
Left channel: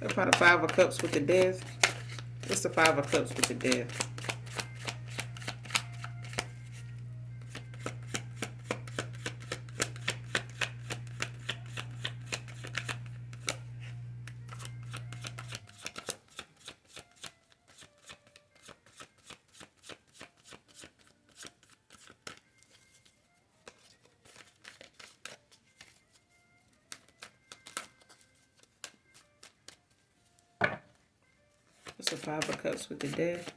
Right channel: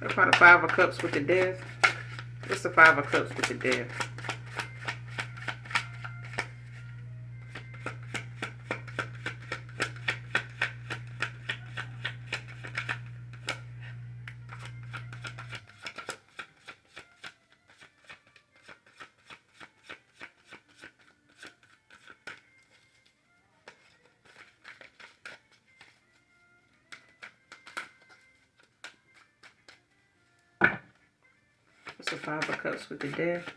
About the Five of Cups with the Death. It's the Five of Cups with the Death. It's the Five of Cups with the Death.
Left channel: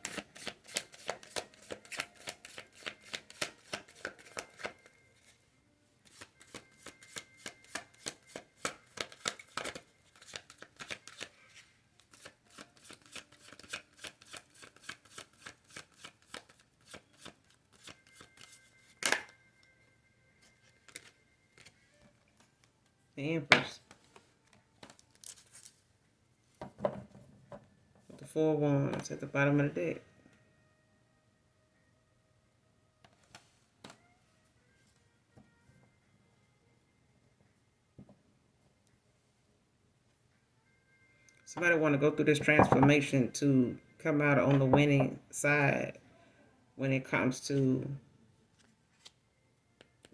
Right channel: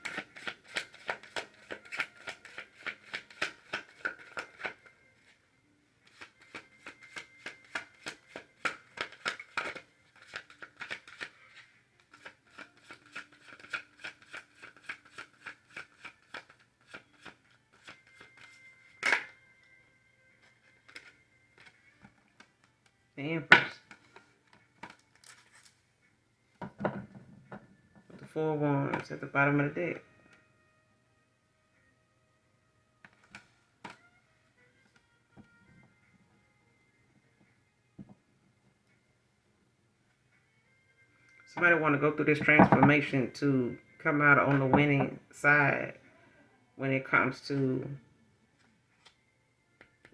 The Empress. With the Four of Wands at the bottom of the deck. Somebody want to go through this transformation to come out on the winning side when it comes to you,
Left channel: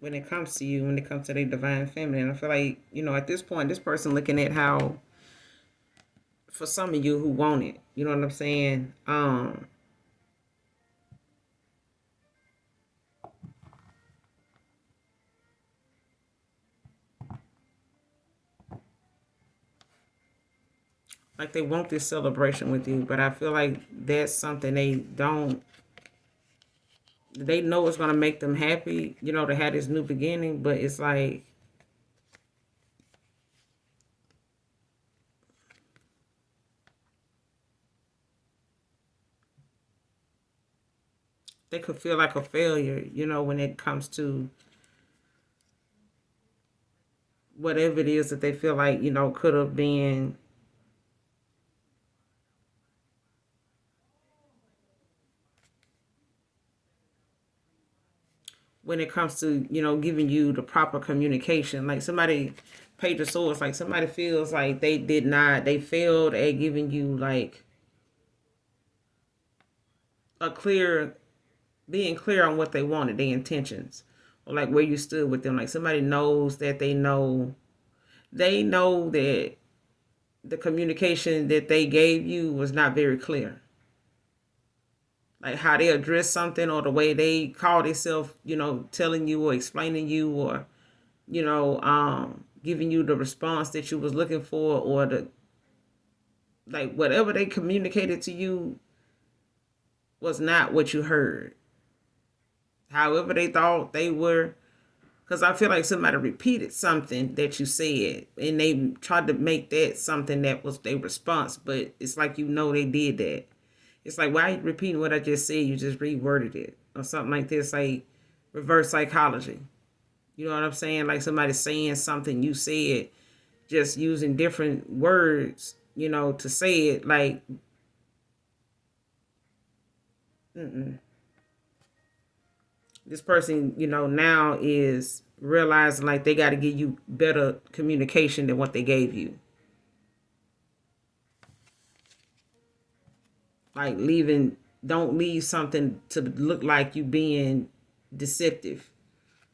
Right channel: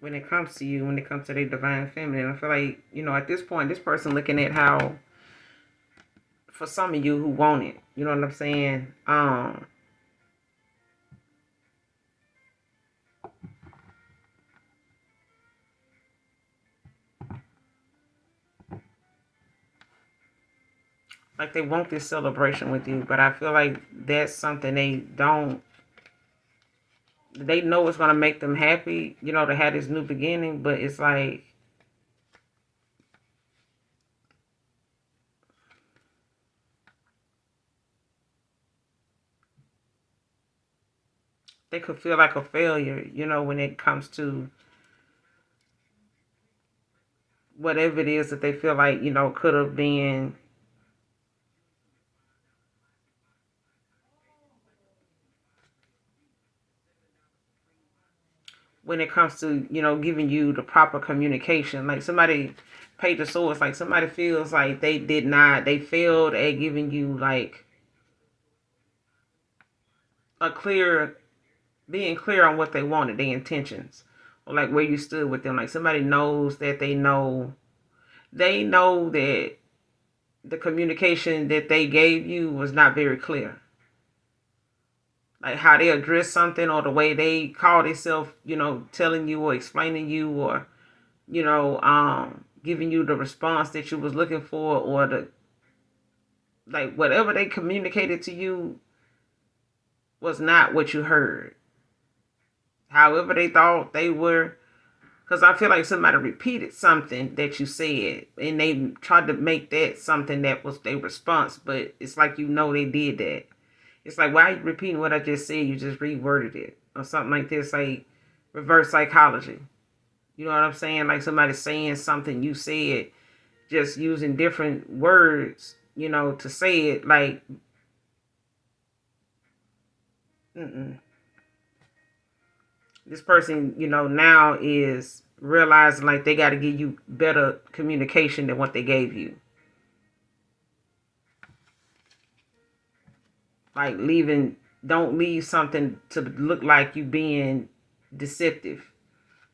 when it comes to their divine feminine. I feel like, at this point, this person looking at how, for some of you who want it, you know what I'm saying? Like they want this celebration with you, but I feel like that's something they don't they know it's going to make them happy, to have this new beginning, but it's like they could feel like a failure, when it comes to whatever it is that they feel like, could have been, when it comes to, giving you the proper communication. Like somebody paid the source, like somebody feels like they failed at giving you like a clear, being clear on what they wanted, their intentions, or like where you stood with them. Like somebody knows that they know that the communication that they gave you was not very clear. Like how they address something, or the way they call themselves, telling you or explaining you, or giving you the response that you was looking for, or the like whatever they communicated to you was not what you heard. However they thought they were, because I feel like somebody repeated something that you said, and they tried to make that something that was their response, but it's like they did that. It's like, why are you repeating what I just said? You just reworded it. Or something like this, like reverse psychology. You know what I'm saying? Like somebody saying something you said, just using different words, to say it. Like, mm-mm. This person, now is realizing like they got to give you better communication than what they gave you. Like don't leave something to look like you being deceptive.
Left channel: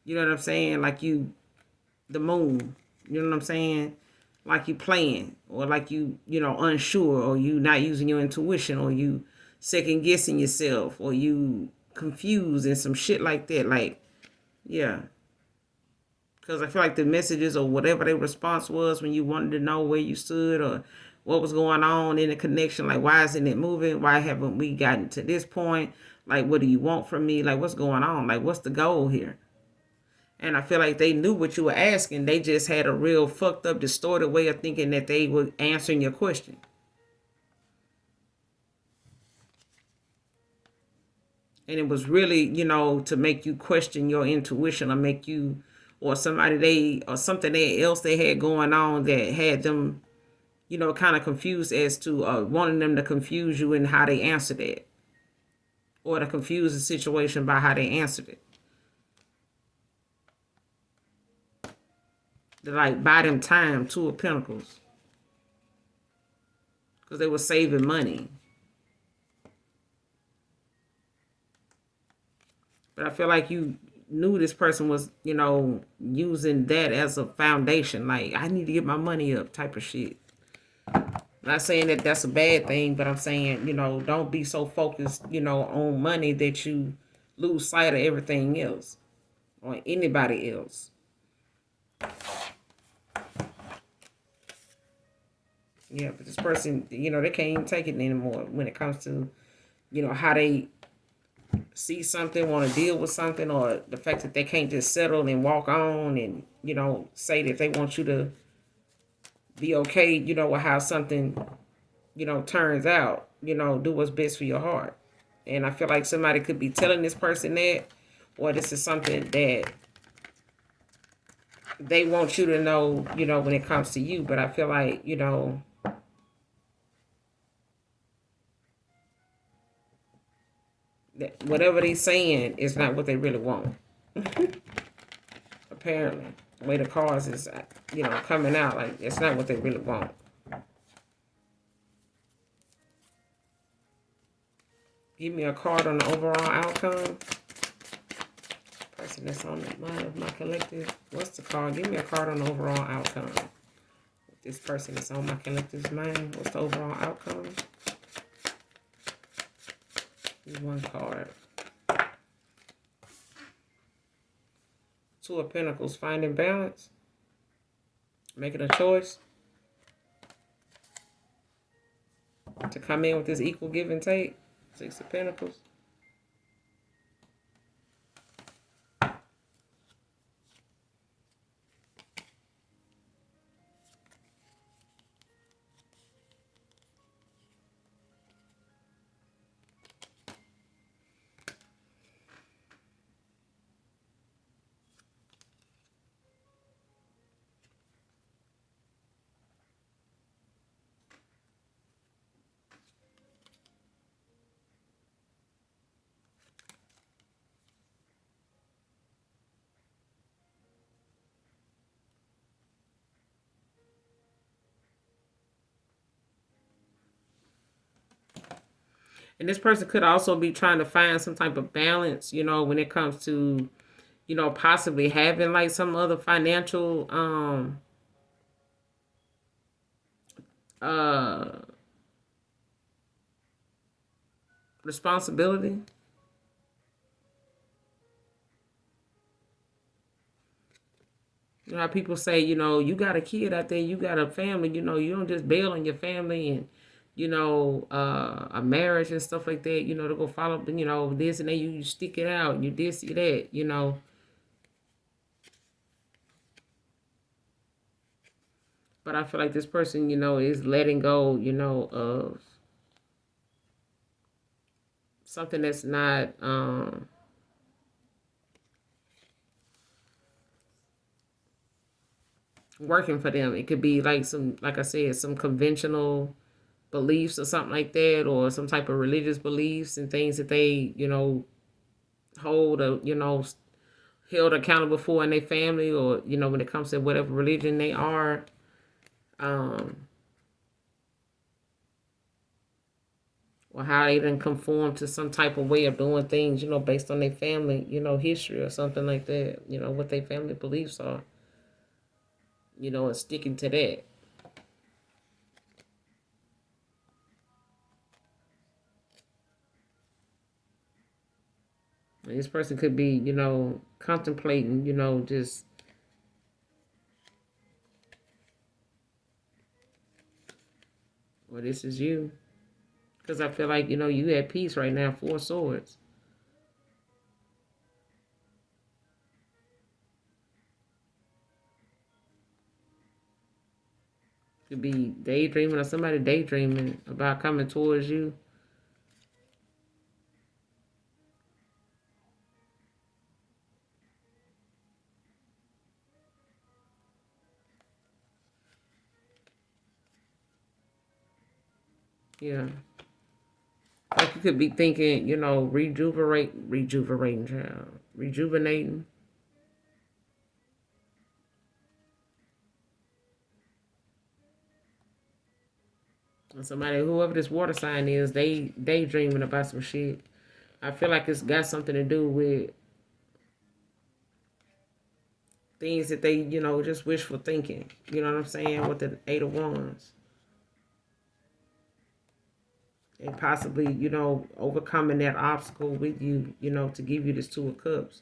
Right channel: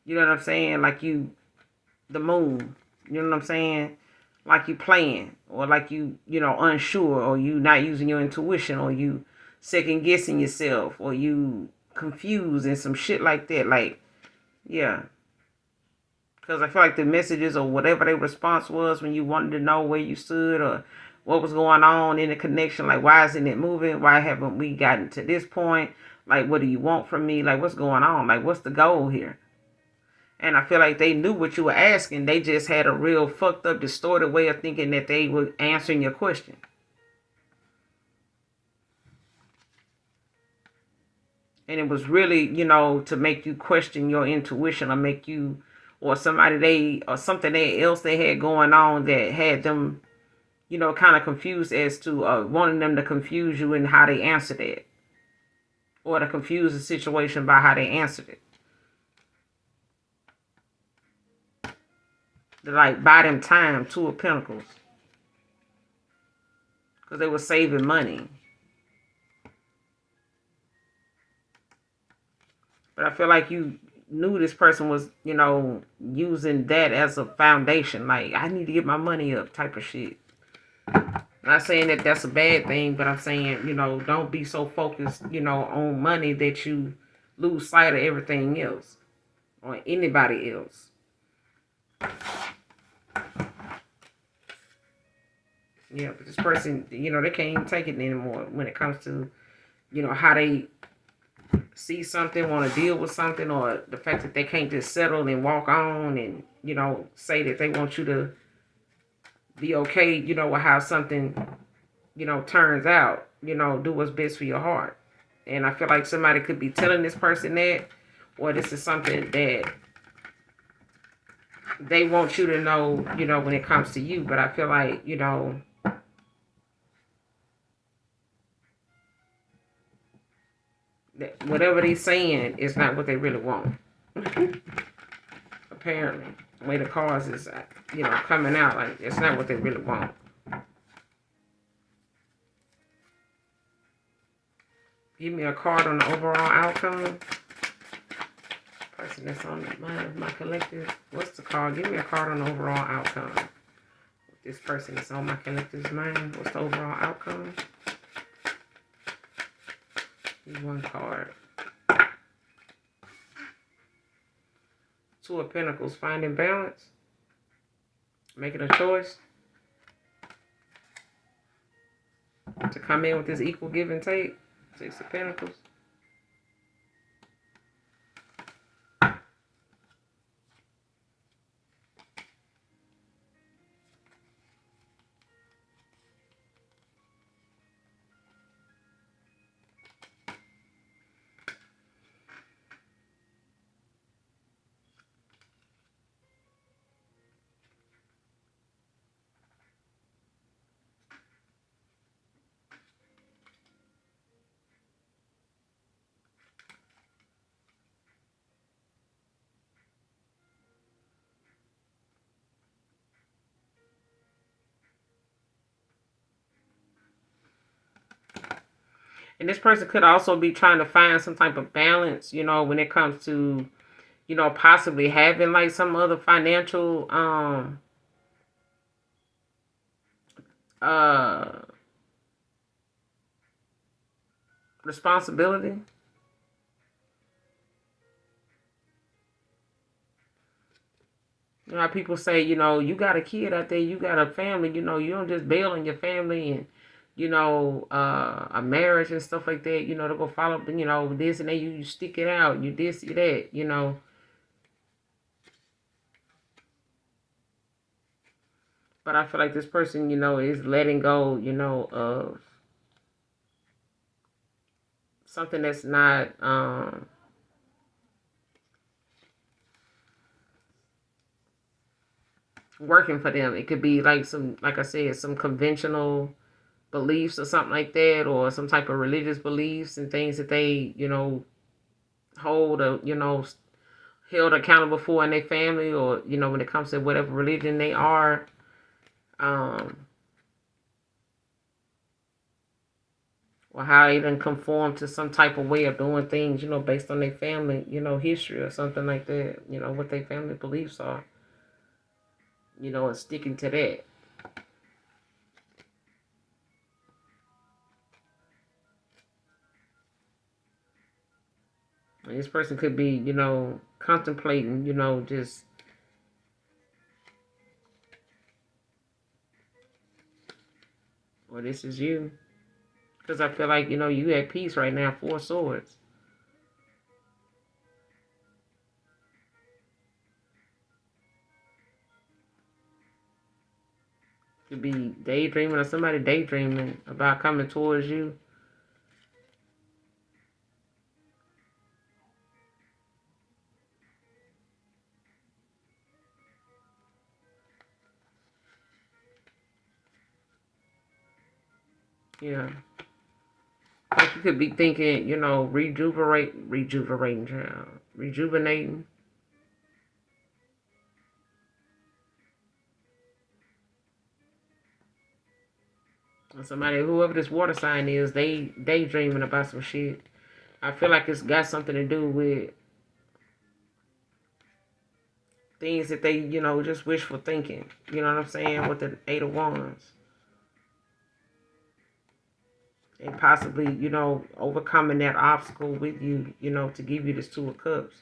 You know what I'm saying? Like the moon. You know what I'm saying? Like you playing, or like unsure, or you not using your intuition, or you second guessing yourself, or you confused and some shit like that. Like, yeah. Because I feel like the messages or whatever their response was when you wanted to know where you stood, or what was going on in the connection, like why isn't it moving? Why haven't we gotten to this point? Like, what do you want from me? Like, what's going on? Like, what's the goal here? And I feel like they knew what you were asking. They just had a real fucked up, distorted way of thinking that they were answering your question. And it was really, to make you question your intuition, or make you, or something else they had going on that had them, kind of confused as to wanting them to confuse you in how they answered it, or to confuse the situation by how they answered it. To like buy them time, Two of Pentacles, because they were saving money. But I feel like you knew this person was, using that as a foundation. Like, I need to get my money up type of shit. Not saying that that's a bad thing, but I'm saying, don't be so focused, on money that you lose sight of everything else, or anybody else. Yeah, but this person, they can't even take it anymore when it comes to, how they see something, want to deal with something, or the fact that they can't just settle and walk on and, say that they want you to be okay, with how something, turns out, do what's best for your heart. And I feel like somebody could be telling this person that, or this is something that they want you to know, when it comes to you. But I feel like, that whatever they're saying is not what they really want. Apparently, the way the cards is, coming out, like it's not what they really want. Give me a card on the overall outcome. Person that's on the mind of my collective. What's the card? Give me a card on the overall outcome. This person that's on my collective's mind. What's the overall outcome? Give me one card. Two of Pentacles. Finding balance. Making a choice to come in with this equal give and take. Six of Pentacles. And this person could also be trying to find some type of balance, when it comes to, possibly having like some other financial uh responsibility. You know how people say, you got a kid out there, you got a family, you don't just bail on your family and, a marriage and stuff like that, to go follow up, this and that, you stick it out, you this, you that. But I feel like this person, is letting go, of something that's not working for them. It could be like like I said, some conventional beliefs or something like that, or some type of religious beliefs and things that they, hold or, held accountable for in their family, or, when it comes to whatever religion they are. Um, or how they done conform to some type of way of doing things, based on their family, history or something like that, what their family beliefs are, and sticking to that. And this person could be, contemplating, just, well, this is you. Because I feel like, you at peace right now, 4 swords. Could be daydreaming or somebody daydreaming about coming towards you. Yeah. Like you could be thinking, rejuvenating, child. Rejuvenating. And somebody, whoever this water sign is, they daydreaming about some shit. I feel like it's got something to do with things that they, just wishful thinking. You know what I'm saying? With the 8 of Wands. And possibly, overcoming that obstacle with you, to give you this 2 of Cups.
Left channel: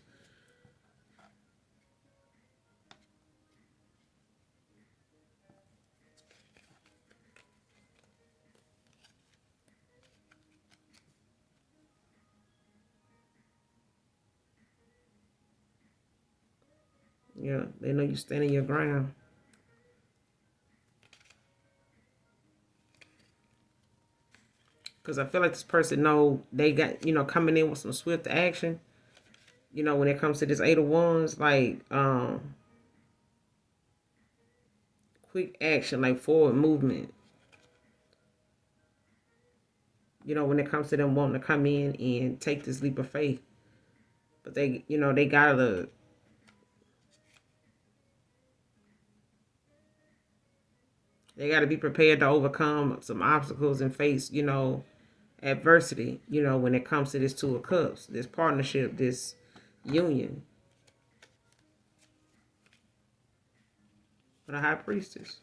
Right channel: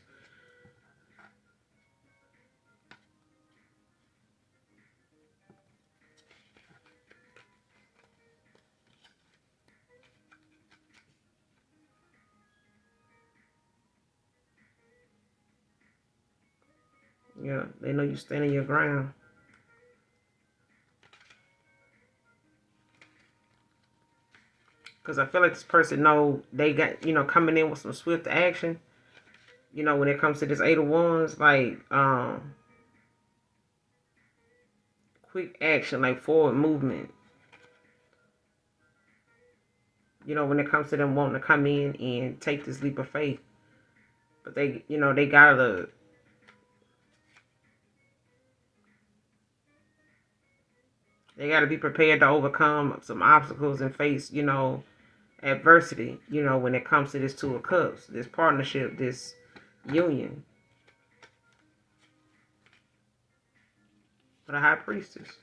Yeah, they know you standing your ground. Because I feel like this person know they got, coming in with some swift action. When it comes to this 8 of Wands, like quick action, like forward movement. When it comes to them wanting to come in and take this leap of faith. But they gotta be prepared to overcome some obstacles and face, adversity, when it comes to this 2 of Cups, this partnership, this union for the High Priestess.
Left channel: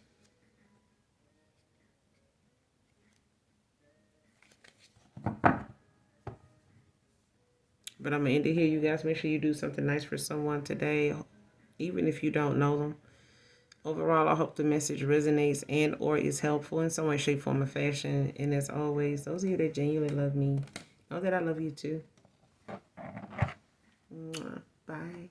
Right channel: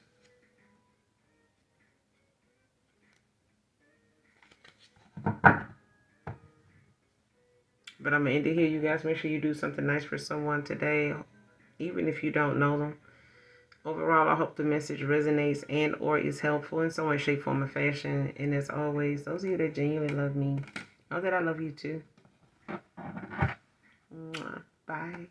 But I'm gonna end it here, you guys. Make sure you do something nice for someone today, even if you don't know them. Overall, I hope the message resonates and or is helpful in some way, shape, form, or fashion. And as always, those of you that genuinely love me, know that I love you too. Bye.